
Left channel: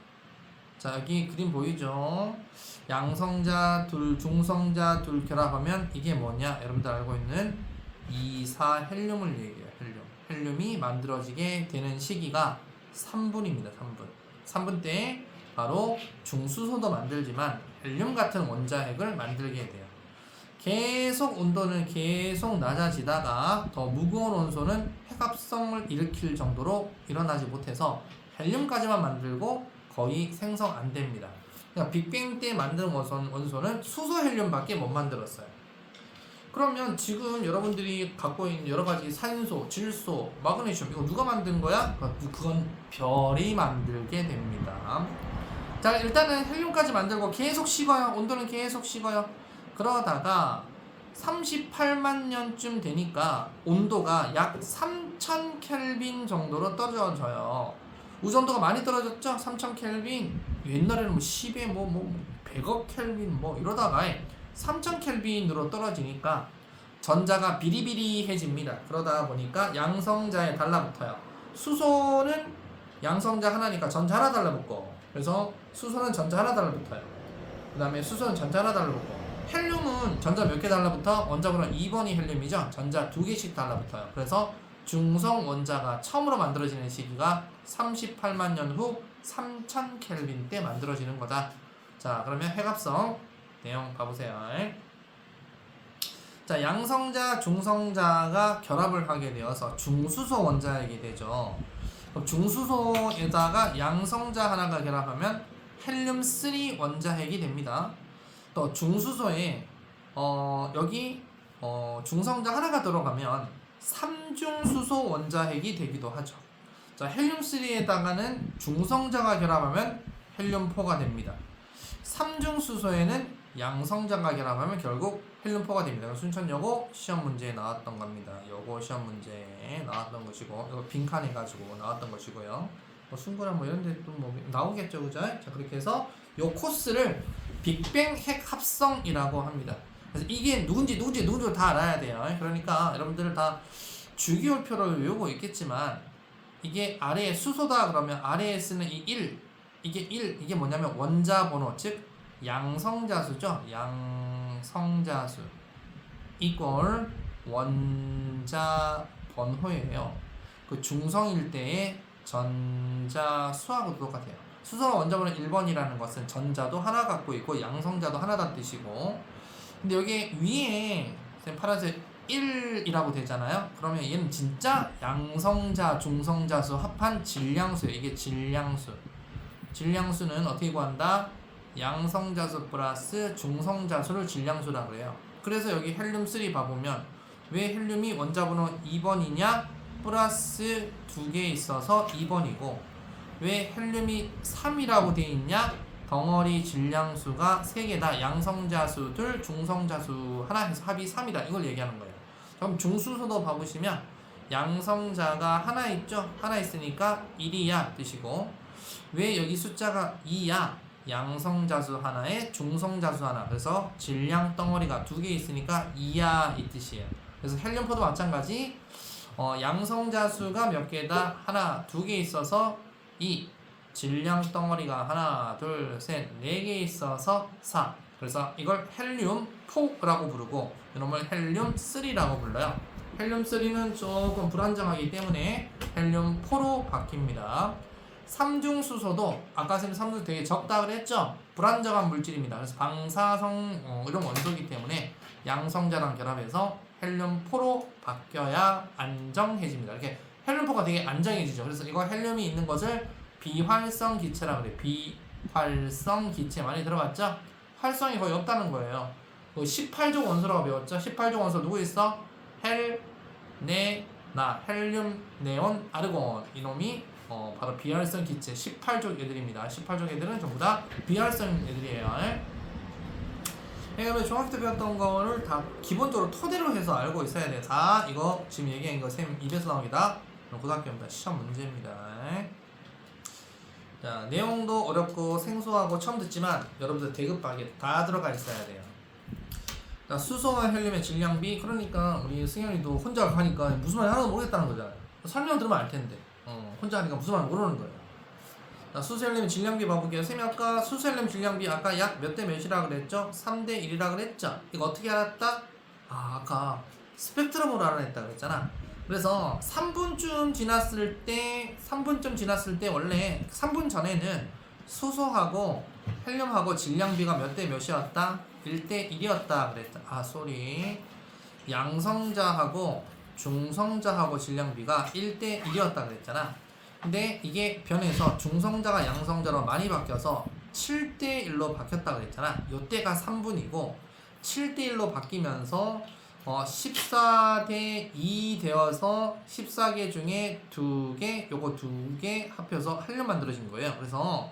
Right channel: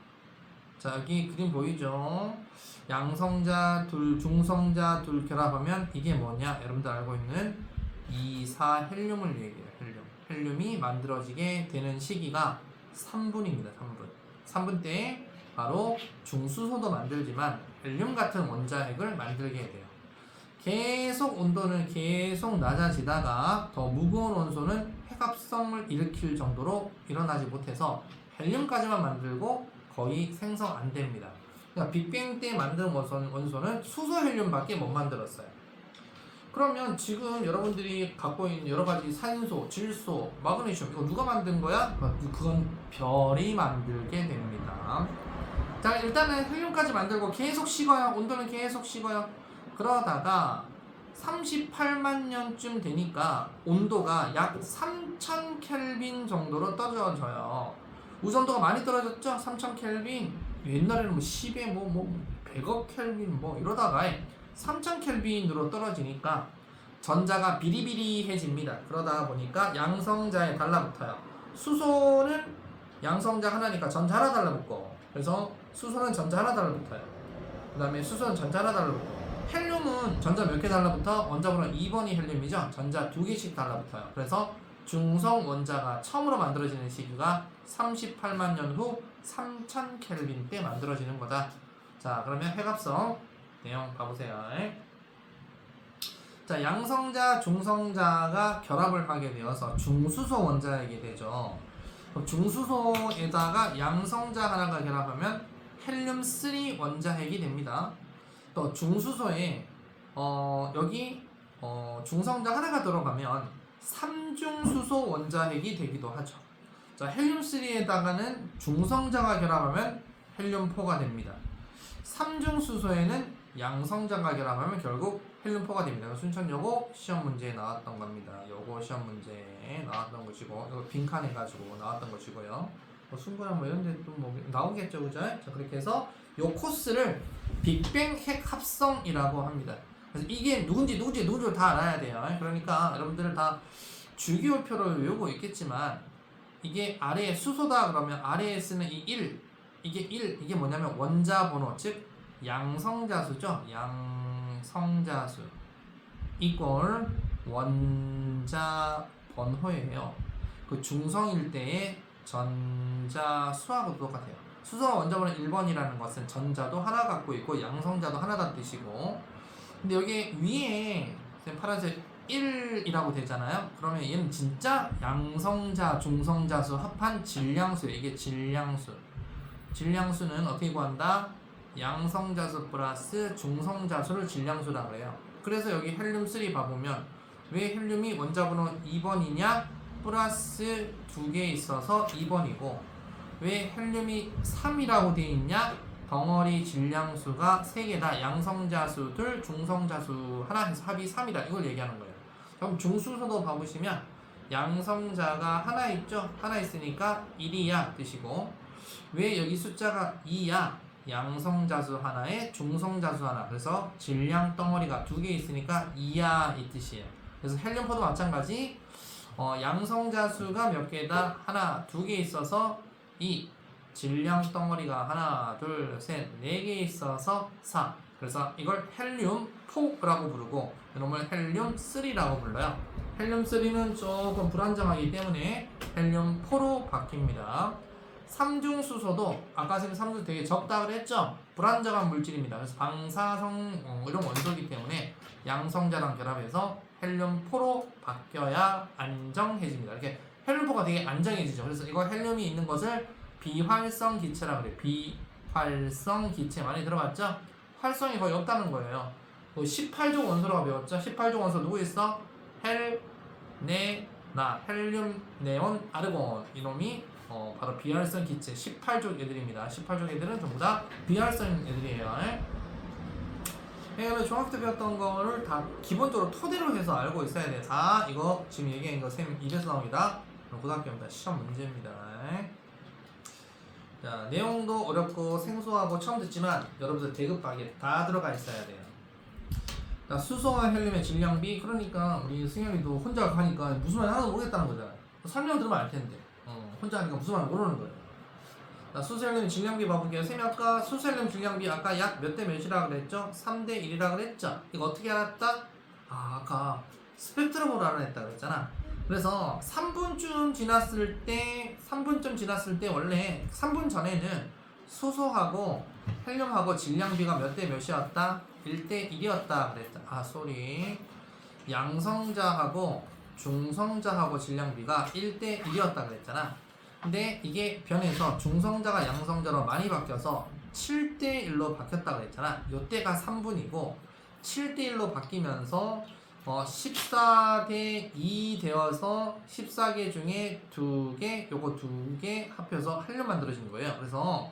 자, 여기 그림 보이죠? 양성자 둘, 중성자 둘 결합하면 이게 뭐냐? 여러분들 알고 있는 2,4 헬륨을 얘기해요. 헬륨이 만들어지게 되는 시기가 3분입니다. 3분 때 바로 중수소도 만들지만 헬륨 같은 원자핵을 만들게 돼요. 계속 온도는 계속 낮아지다가 더 무거운 원소는 핵합성을 일으킬 정도로 일어나지 못해서 헬륨까지만 만들고 거의 생성 안 됩니다. 그러니까 빅뱅 때 만든 원소는 수소 헬륨밖에 못 만들었어요. 그러면 지금 여러분들이 갖고 있는 여러 가지 산소, 질소, 마그네슘, 이거 누가 만든 거야? 그건 별이 만들게 됩니다. 자, 일단은 헬륨까지 만들고 계속 식어요. 온도는 계속 식어요. 그러다가 38만 년쯤 되니까 온도가 약 3000 켈빈 정도로 떨어져요. 우주 온도가 많이 떨어졌죠? 3000 켈빈. 옛날에는 뭐 10에 100억 켈빈 이러다가 3000 켈빈으로 떨어지니까 전자가 비리비리해집니다. 그러다 보니까 양성자에 달라붙어요. 수소는 양성자 하나니까 전자 하나 달라붙고, 그래서 수소는 전자 하나 달라붙어요. 그 다음에 수소는 전자 하나 달라붙고, 헬륨은 전자 몇 개 달라붙어? 원자번호 2번이 헬륨이죠. 전자 2개씩 달라붙어요. 그래서 중성 원자가 처음으로 만들어지는 시기가 38만 년 후 3000 켈빈 때 만들어지는 거다. 자, 그러면 회갑성 내용 봐보세요. 자, 양성자, 중성자가 결합을 하게 되어서 중수소 원자액이 되죠. 그럼 중수소에다가 양성자 하나가 결합하면 헬륨3 원자핵이 됩니다. 또 중수소에 여기 중성자 하나가 들어가면 3중수소 원자핵이 되기도 하죠. 자, 헬륨3에다가는 중성자가 결합하면 헬륨4가 됩니다. 3중수소에는 양성자가 결합하면 결국 헬륨4가 됩니다. 순천여고 시험 문제에 나왔던 겁니다. 요거 시험 문제에 나왔던 것이고, 이거 빈칸해가지고 나왔던 것이고요. 순근한 뭐 이런 데 또 뭐 나오겠죠, 그죠? 자, 그렇게 해서 요 코스를 빅뱅 핵 합성이라고 합니다. 그래서 이게 누군지 다 알아야 돼요. 그러니까 여러분들은 다 주기율표를 외우고 있겠지만, 이게 아래에 수소다 그러면 아래에 쓰는 이 1, 이게 뭐냐면 원자 번호, 즉 양성자수죠. 양성자수 이꼴 원자 번호예요. 그 중성일 때의 전자수하고 똑같아요. 수소가 원자 번호 1번이라는 것은 전자도 하나 갖고 있고 양성자도 하나다 뜻이고, 근데 여기 위에 파란색 1이라고 되잖아요. 그러면 얘는 진짜 양성자, 중성자수 합한 질량수예요. 이게 질량수. 질량수는 어떻게 구한다? 양성자수 플러스 중성자수를 질량수라고 그래요. 그래서 여기 헬륨3 봐보면 왜 헬륨이 원자번호 2번이냐? 플러스 2개 있어서 2번이고, 왜 헬륨이 3이라고 되어 있냐? 덩어리 질량수가 3개다. 양성자수 둘, 중성자수 하나 해서 합이 3이다. 이걸 얘기하는 거예요. 그럼 중수소도 봐보시면 양성자가 하나 있죠? 하나 있으니까 1이야 뜻이고, 왜 여기 숫자가 2야? 양성자수 하나에 중성자수 하나. 그래서 질량 덩어리가 2개 있으니까 2야 이 뜻이에요. 그래서 헬륨포도 마찬가지. 양성자수가 몇 개다? 하나, 2개 있어서 2. 질량 덩어리가 하나, 둘, 셋, 4개 있어서 4. 그래서 이걸 헬륨4라고 부르고 이놈을 헬륨3라고 불러요. 헬륨3는 조금 불안정하기 때문에 헬륨4로 바뀝니다. 삼중수소도 아까 쌤 삼중 되게 적다 그랬죠? 불안정한 물질입니다. 그래서 방사성 이런 원소이기 때문에 양성자랑 결합해서 헬륨4로 바뀌어야 안정해집니다. 이렇게 헬륨4가 되게 안정해지죠. 그래서 이거 헬륨이 있는 것을 비활성 기체라고 그래요. 비활성 기체 많이 들어봤죠? 활성이 거의 없다는 거예요. 18종 원소라고 배웠죠? 18종 원소 누구 있어? 헬륨, 네온, 아르곤. 이놈이 바로 비활성 기체 18족 애들입니다. 18족 애들은 전부 다 비활성 애들이에요. 그러면 중학교 때 배웠던 거를 다 기본적으로 토대로 해서 알고 있어야 돼. 자, 이거 지금 얘기한 거 쌤 입에서 나옵니다. 고등학교입니다. 시험 문제입니다. 자, 내용도 어렵고 생소하고 처음 듣지만 여러분들 대급하게 다 들어가 있어야 돼요. 그러니까 수소와 헬륨의 질량비, 그러니까 우리 승현이도 혼자 하니까 무슨 말 하나도 모르겠다는 거잖아. 설명 들으면 알 텐데. 혼자 하니까 무슨 말 모르는 거예요. 자, 수소헬륨 질량비 봐볼게요. 쌤이 아까 수소헬륨 질량비 아까 약 몇 대 몇이라 그랬죠? 3대 1이라 그랬죠? 이거 어떻게 알았다? 아까 스펙트럼으로 알아냈다 그랬잖아. 그래서 3분쯤 지났을 때 원래 3분 전에는 수소하고 헬륨하고 질량비가 몇 대 몇이었다? 1대 1이었다 그랬다. 양성자하고 중성자하고 질량비가 1대 1이었다 그랬잖아. 근데 이게 변해서 중성자가 양성자로 많이 바뀌어서 7대 1로 바뀌었다 그랬잖아. 요때가 3분이고 7대 1로 바뀌면서 14대 2 되어서 14개 중에 2개, 요거 2개 합해서 헬륨 만들어진 거예요. 그래서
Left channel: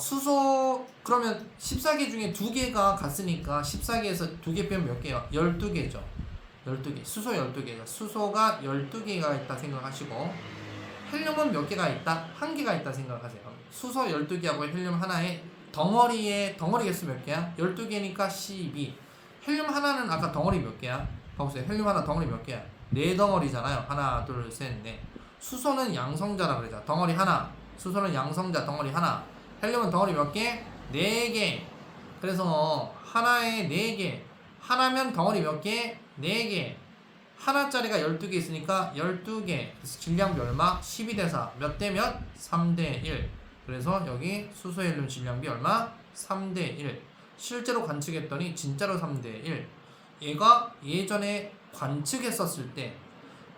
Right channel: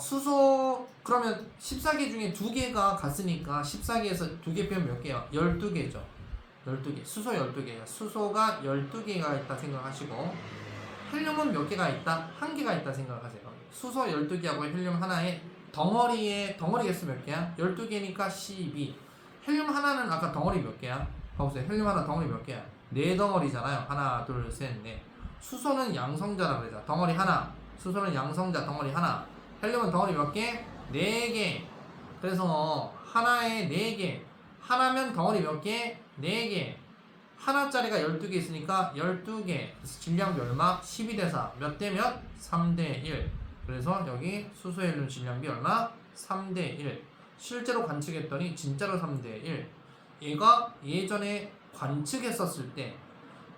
수소 그러면 14개 중에 2개가 같으니까 14개에서 2개 빼면 몇 개요? 12개죠. 12개. 수소 12개. 수소가 12개가 있다 생각하시고, 헬륨은 몇 개가 있다? 1개가 있다 생각하세요. 수소 12개하고 헬륨 하나에 덩어리 개수 몇 개야? 12개니까 12. 헬륨 하나는 아까 덩어리 몇 개야? 봐보세요. 헬륨 하나 덩어리 몇 개야? 4덩어리잖아요. 하나, 둘, 셋, 넷. 수소는 양성자라고 그러자. 덩어리 하나. 수소는 양성자 덩어리 하나. 헬륨은 덩어리 몇 개? 4개. 그래서 하나에 4개. 하나면 덩어리 몇 개? 4개. 하나짜리가 12개 있으니까 12개. 그래서 질량비 얼마? 12대 4. 몇 대 몇? 3대 1. 그래서 여기 수소의 헬륨 질량비 얼마? 3대 1. 실제로 관측했더니 진짜로 3대 1. 얘가 예전에 관측했었을 때,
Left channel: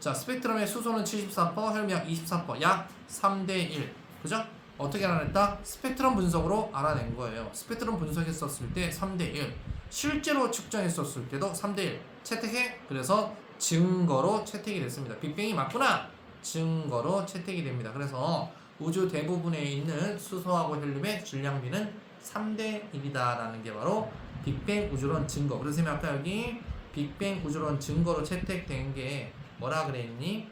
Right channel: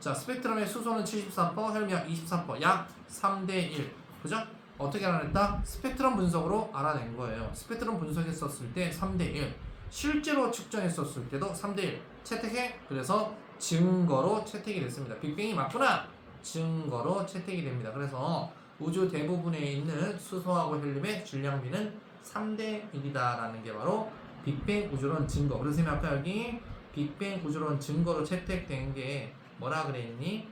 자, 스펙트럼의 수소는 74%, 헬륨이 24%, 약 3대 1. 그죠? 어떻게 알아냈다? 스펙트럼 분석으로 알아낸 거예요. 스펙트럼 분석했었을 때 3대 1. 실제로 측정했었을 때도 3대 1. 채택해? 그래서 증거로 채택이 됐습니다. 빅뱅이 맞구나! 증거로 채택이 됩니다. 그래서 우주 대부분에 있는 수소하고 헬륨의 질량비는 3대 1이다 라는 게 바로 빅뱅 우주론 증거. 그래서 아까 여기 빅뱅 우주론 증거로 채택된 게 뭐라 그랬니?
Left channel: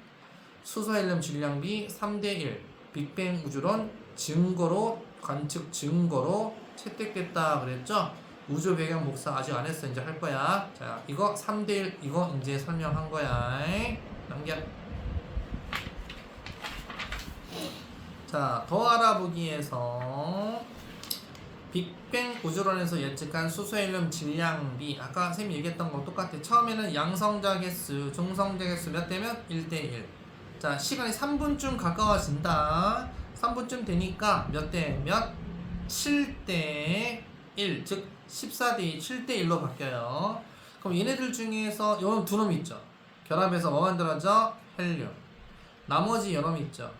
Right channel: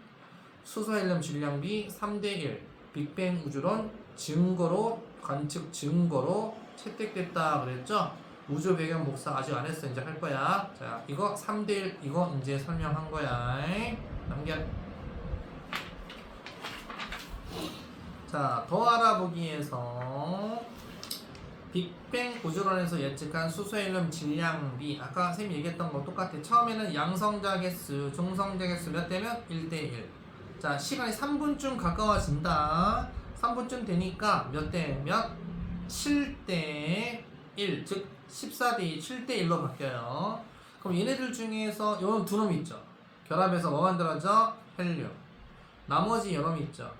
수소 헬륨 질량비 3대 1 빅뱅 우주론 증거로 관측 증거로 채택됐다 그랬죠? 우주 배경 복사 아직 안 했어. 이제 할 거야. 자, 이거 3대 1 이거 이제 설명한 거야. 넘겨. 자, 더 알아보기에서 빅뱅 우주론에서 예측한 수소 헬륨 질량비 아까 쌤이 얘기했던 거 똑같아. 처음에는 양성자 개수, 중성자 개수 몇 대면 1대 1. 자, 시간이 3분쯤 가까워진다. 3분쯤 되니까 몇 대 몇? 7대 1. 즉 14대 2, 7대 1로 바뀌어요. 그럼 얘네들 중에서 요놈 두 놈 있죠. 결합해서 뭐 만들어져? 헬륨. 나머지 요놈 있죠.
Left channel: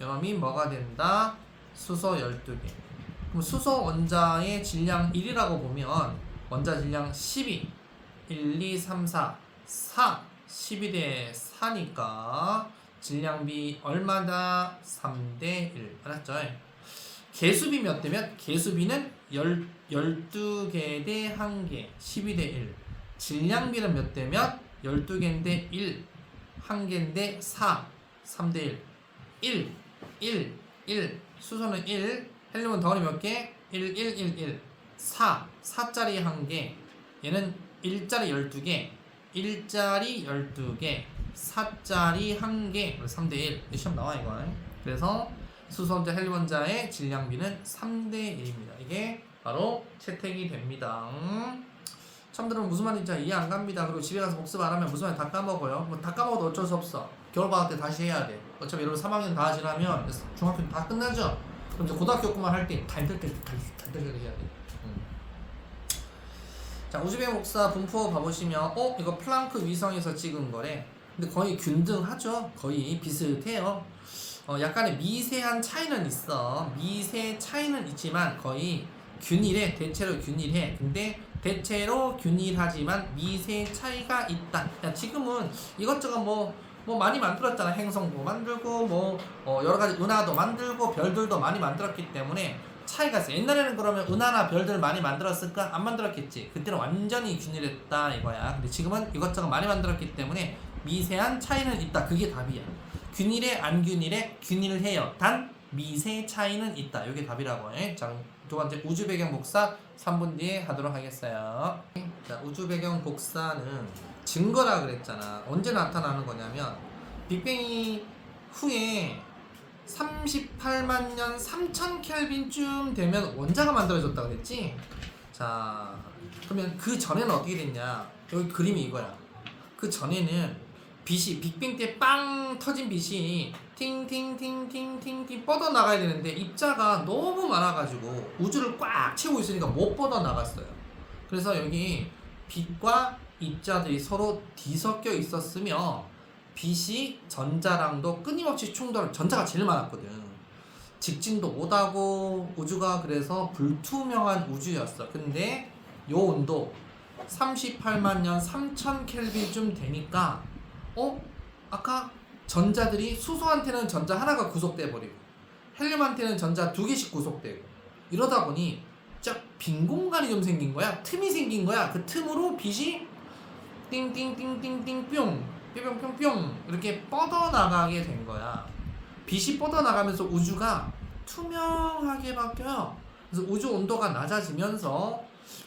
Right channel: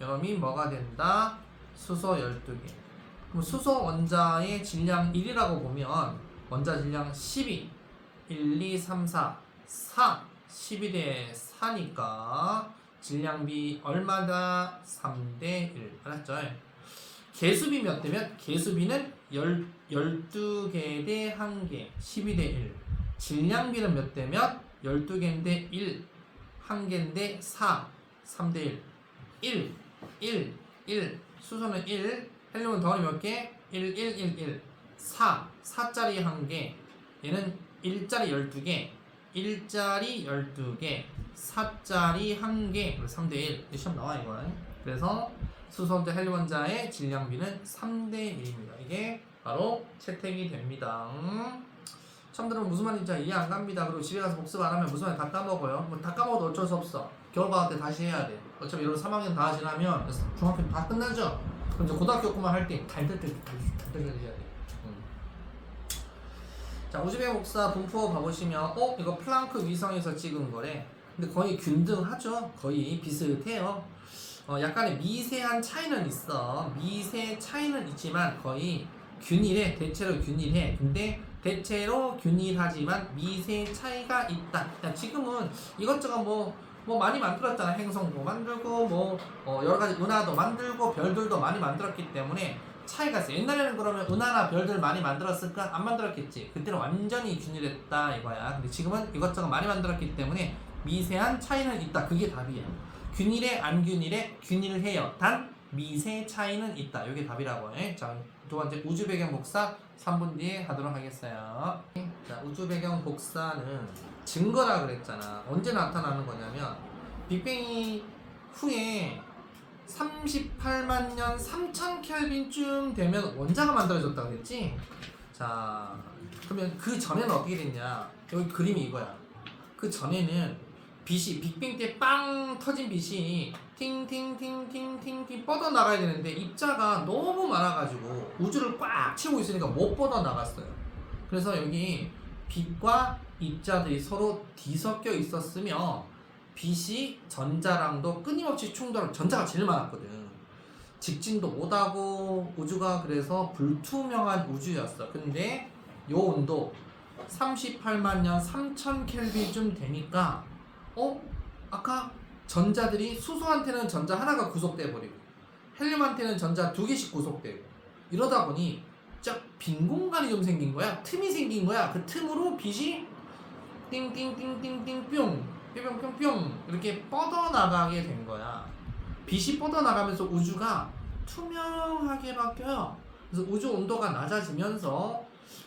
요놈이 뭐가 된다? 수소 12개. 그럼 수소 원자의 질량 1이라고 보면 원자 질량 12, 1, 2, 3, 4, 12대 4니까 질량비 얼마다? 3대 1. 알았죠? 개수비 몇 대면? 개수비는 12개 대 1개, 12대 1. 질량비는 몇 대면? 12개인데 1, 1개인데 4, 3대 1. 1. 수소는 1, 헬륨은 덩어리 몇 개? 1, 1, 1, 1. 4짜리 1개. 얘는 1짜리 12개, 1짜리 12개, 4짜리 1개. 3대 1. 이 시험 나와 이거. 그래서 수소 원자, 헬륨 원자의 질량비는 3대 1입니다. 이게 바로 채택이 됩니다. 처음 들으면 무슨 말인지 이해 안 갑니다. 그리고 집에 가서 복습 안 하면 무슨 말인지 다 까먹어요. 뭐 다 까먹어도 어쩔 수 없어. 겨울방학 때 다시 해야 돼. 어차피 이런 3학년 다 지나면 중학교 다 끝나죠. 그럼 이제 고등학교 공부만 할 때 달달달 해야 돼. 자, 우주배경 복사 분포 봐보시면 이거 플랑크 위성에서 찍은 거래. 근데 거의 균등하죠. 거의 비슷해요. 약간의 미세한 차이는 있어. 미세 차이는 있지만 거의 균일해. 대체로 균일해. 근데 대체로 균일하지만 미세 차이가 있다. 야, 지금은 이것저것 뭐 많이 만들었잖아. 행성도 만들고 여러 가지 은하도 만들고 별들도 많이 만들었기 때문에 차이가 있어. 옛날에는 그러면 은하나 별들 많이 만들었을까? 안 만들었겠지. 그때는 완전히 균일했다 이거야. 근데 지금은 이것저것 많이 만들었기 때문에 미세한 차이는 있다. 그게 답이야. 균일해 안 균일해? 균일해요. 단 미세 차이는 있다. 이게 답이라고 해. 자, 두 번째 우주 배경 복사 3분 뒤에 하도록 하겠어요. 자, 우주 배경 복사는 증거라 그랬잖아. 언제 나타나는 거냐면 빅뱅이 후에 38만 년 3천 켈빈쯤 되면 원자가 만들어졌다고 그랬지? 자, 그러면 그 전에는 어떻게 됐냐? 여기 그림이 이거야. 그 전에는 빛이 빅뱅 때 빵 터진 빛이 팅팅팅팅팅팅 뻗어나가야 되는데 입자가 너무 많아가지고 우주를 꽉 채우고 있으니까 못 뻗어나갔어요. 그래서 여기 빛과 입자들이 서로 뒤섞여 있었으며 빛이 전자랑도 끊임없이 충돌하고 전자가 제일 많았거든. 직진도 못하고 우주가 그래서 불투명한 우주였어. 근데 요 온도 38만 년 3천 켈빈쯤 되니까 아까 전자들이 수소한테는 전자 하나가 구속돼 버리고 헬륨한테는 전자 2개씩 구속되고 이러다 보니 빈 공간이 좀 생긴 거야. 틈이 생긴 거야. 그 틈으로 빛이 띵띵띵띵띵 뿅 뿅뿅뿅 이렇게 뻗어나가게 된 거야. 빛이 뻗어나가면서 우주가 투명하게 바뀌어요. 그래서 우주 온도가 낮아지면서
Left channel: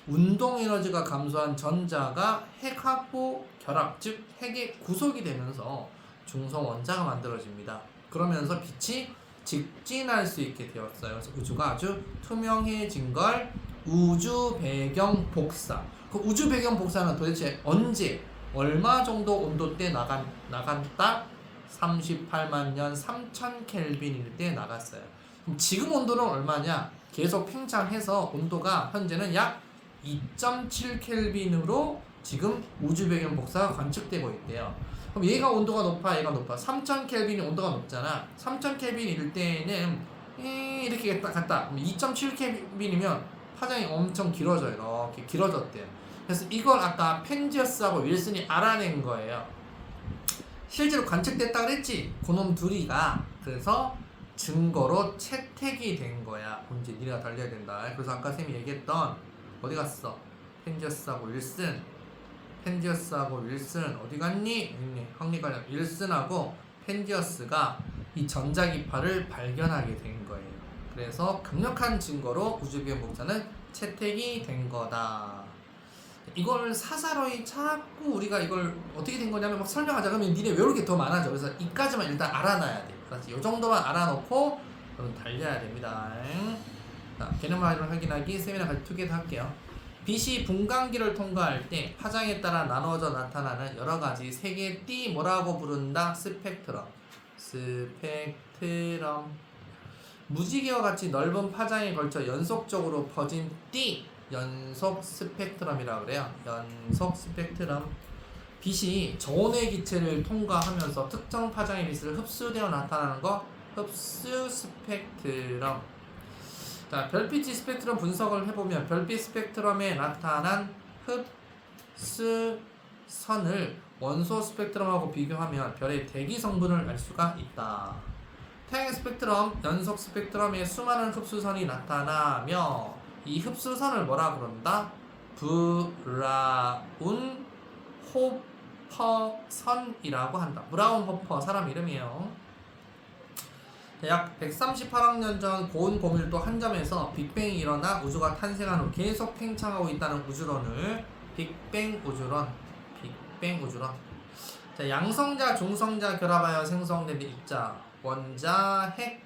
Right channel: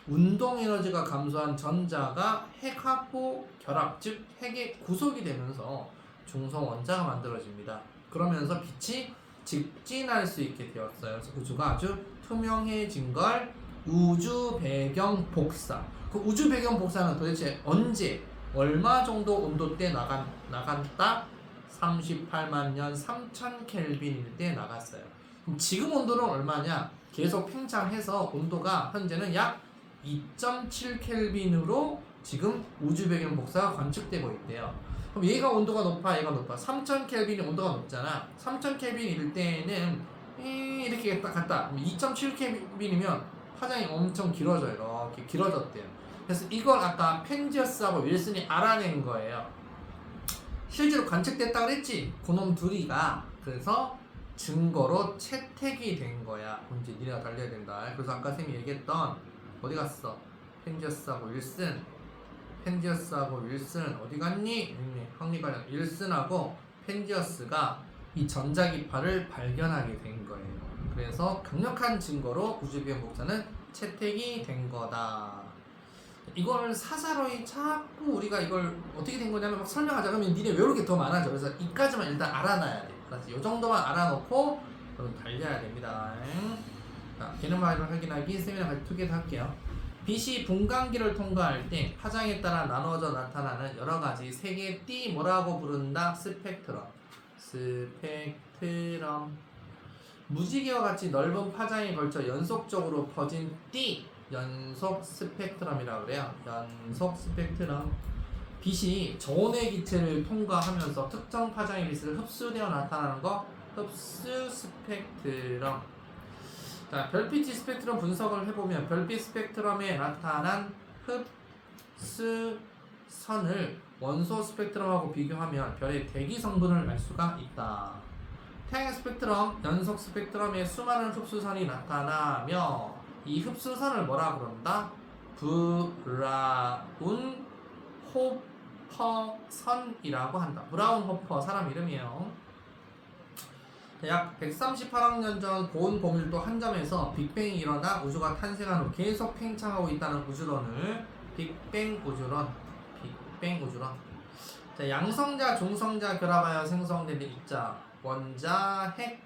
운동 에너지가 감소한 전자가 핵 확보 결합, 즉 핵의 구속이 되면서 중성 원자가 만들어집니다. 그러면서 빛이 직진할 수 있게 되었어요. 그래서 우주가 아주 투명해진 걸 우주 배경 복사. 그 우주 배경 복사는 도대체 언제 얼마 정도 온도대 나간다? 38만 년 3000 켈빈일 때 나갔어요. 그럼 지금 온도는 얼마냐? 계속 팽창해서 온도가 현재는 약 2.7 켈빈으로 지금 우주 배경 복사가 관측되고 있대요. 그럼 얘가 온도가 높아, 얘가 높아. 3000 켈빈이 온도가 높잖아. 3000 켈빈일 때는 이렇게 갔다. 2.7 켈빈이면 파장이 엄청 길어져요. 이렇게 길어졌대요. 그래서 이걸 아까 펜지어스하고 윌슨이 알아낸 거예요. 실제로 관측됐다 그랬지? 그놈 둘이가. 그래서 증거로 채택이 된 거야. 이제 니네가 달려야 된다. 그래서 아까 쌤이 얘기했던 어디 갔어? 펜지어스하고 윌슨. 펜지어스하고 윌슨 어디 갔니? 황리가 윌슨하고 펜지어스가 이 전자기파를 발견하게 된 거예요. 그래서 강력한 증거로 우주비행 복사는 채택이 된 거다. 이걸 사사로이 자꾸 우리가 이걸 어떻게 된 거냐면 막 설명하자 그러면 니네 외울 게 더 많아져. 그래서 이까지만 일단 알아놔야 돼. 그래서 이 정도만 알아놓고 달려야 됩니다. 자, 개념화를 확인하기 세미나 발투기도 할게요. 빛이 분광기를 통과할 때 파장에 따라 나눠져 나타나는 여러 가지 세 개의 띠 뭐라고 부른다? 스펙트럼. 스펙트럼. 무지개와 같이 넓은 파장에 걸쳐 연속적으로 퍼진 띠. 연속 스펙트럼이라고 그래요. 연속 스펙트럼. 빛이 저온의 기체를 통과하면서 특정 파장의 빛을 흡수되어 나타나는 거 흡수 스펙트럼. 자, 별빛 스펙트럼 분석을 해보면 별빛 스펙트럼에 나타난 흡수선을 원소 스펙트럼하고 비교하면 별의 대기 성분을 알 수가 있다. 태양의 스펙트럼, 연속 스펙트럼에 수많은 흡수선이 나타나며 이 흡수선을 뭐라 그런다? 브라운 호퍼선이라고 한다. 브라운 호퍼 사람 이름이에요. 약 138억 년 전 고온 고밀도 한 점에서 빅뱅이 일어나 우주가 탄생한 후 계속 팽창하고 있다는 우주론을 빅뱅 우주론. 자, 양성자, 중성자 결합하여 생성된 입자, 원자, 핵,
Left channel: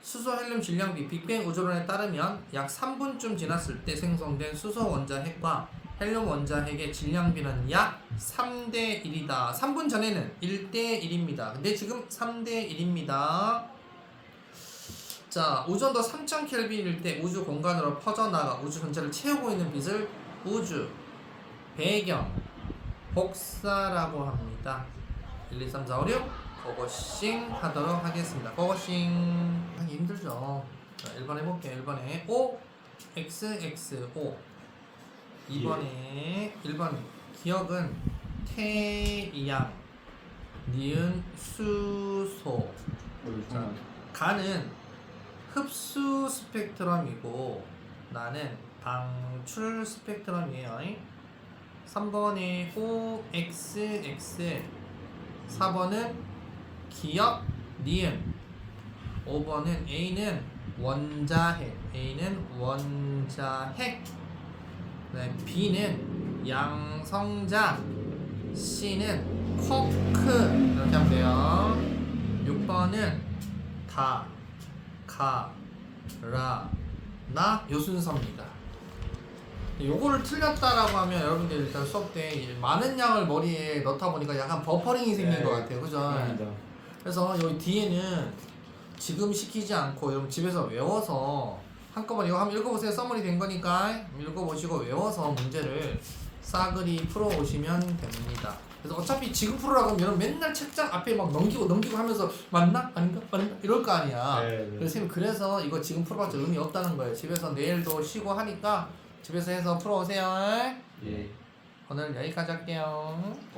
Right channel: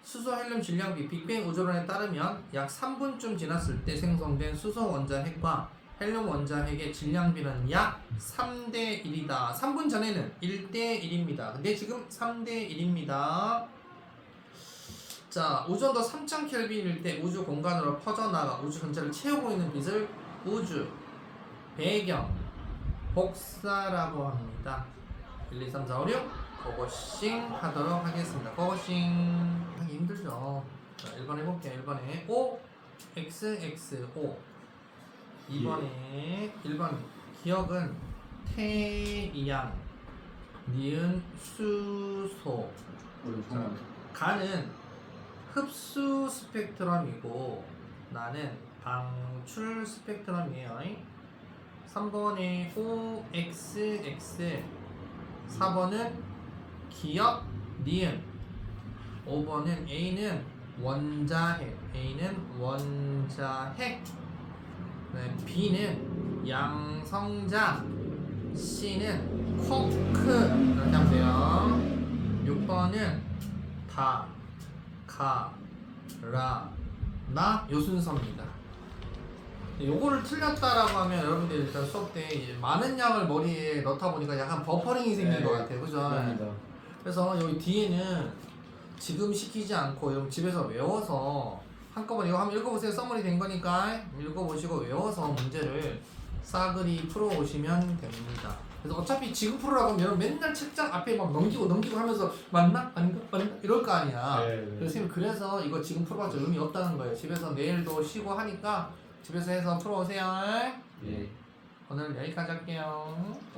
수소, 헬륨, 질량비. 빅뱅 우주론에 따르면 약 3분쯤 지났을 때 생성된 수소 원자 핵과 헬륨 원자 핵의 질량비는 약 3대 1이다. 3분 전에는 1대 1입니다. 근데 지금 3대 1입니다. 자, 우주온도 3000 켈빈일 때 우주 공간으로 퍼져나가 우주 전체를 채우고 있는 빛을 우주 배경 복사라고 합니다. 1, 2, 3, 4, 5, 6 고고싱 하도록 하겠습니다. 고고싱 하기 힘들죠. 자, 1번 해볼게요. 1번에 O, X, X, O. 2번에 1번 기억은 태양, 니은, 수소. 가는 흡수 스펙트럼이고 나는 방출 스펙트럼이에요. 3번에 O, X, X. 4번은 기억, 니은. 5번은 A는 원자핵. A는 원자핵. B는 양성자, C는 쿼크. 이렇게 하면 돼요. 6번은 다, 가, 라, 나 요 순서입니다. 요거를 틀렸다라고 하면 여러분들 일단 수업 때 많은 양을 머리에 넣다 보니까 약간 버퍼링이 생긴 것 같아요. 그죠? 그래서 여기 뒤에는 지금 시키지 않고 여러분 집에서 외워서 한꺼번에 이거 한번 읽어보세요. 써머리 된 거니까 읽어보시고 외워서 문제를 싸그리 풀어오시면 됩니다. 그래서 어차피 지금 풀으라고 하면 여러분 맨날 책장 앞에 막 넘기고 하면서 맞나? 아닌가? 이럴 거 아니야. 그래서 선생님 그래서 이거 지금 풀어봤자 의미 없다는 거예요. 집에서 내일도 쉬고 하니까 집에서 해서 풀어오세요. 오늘 여기까지 할게요.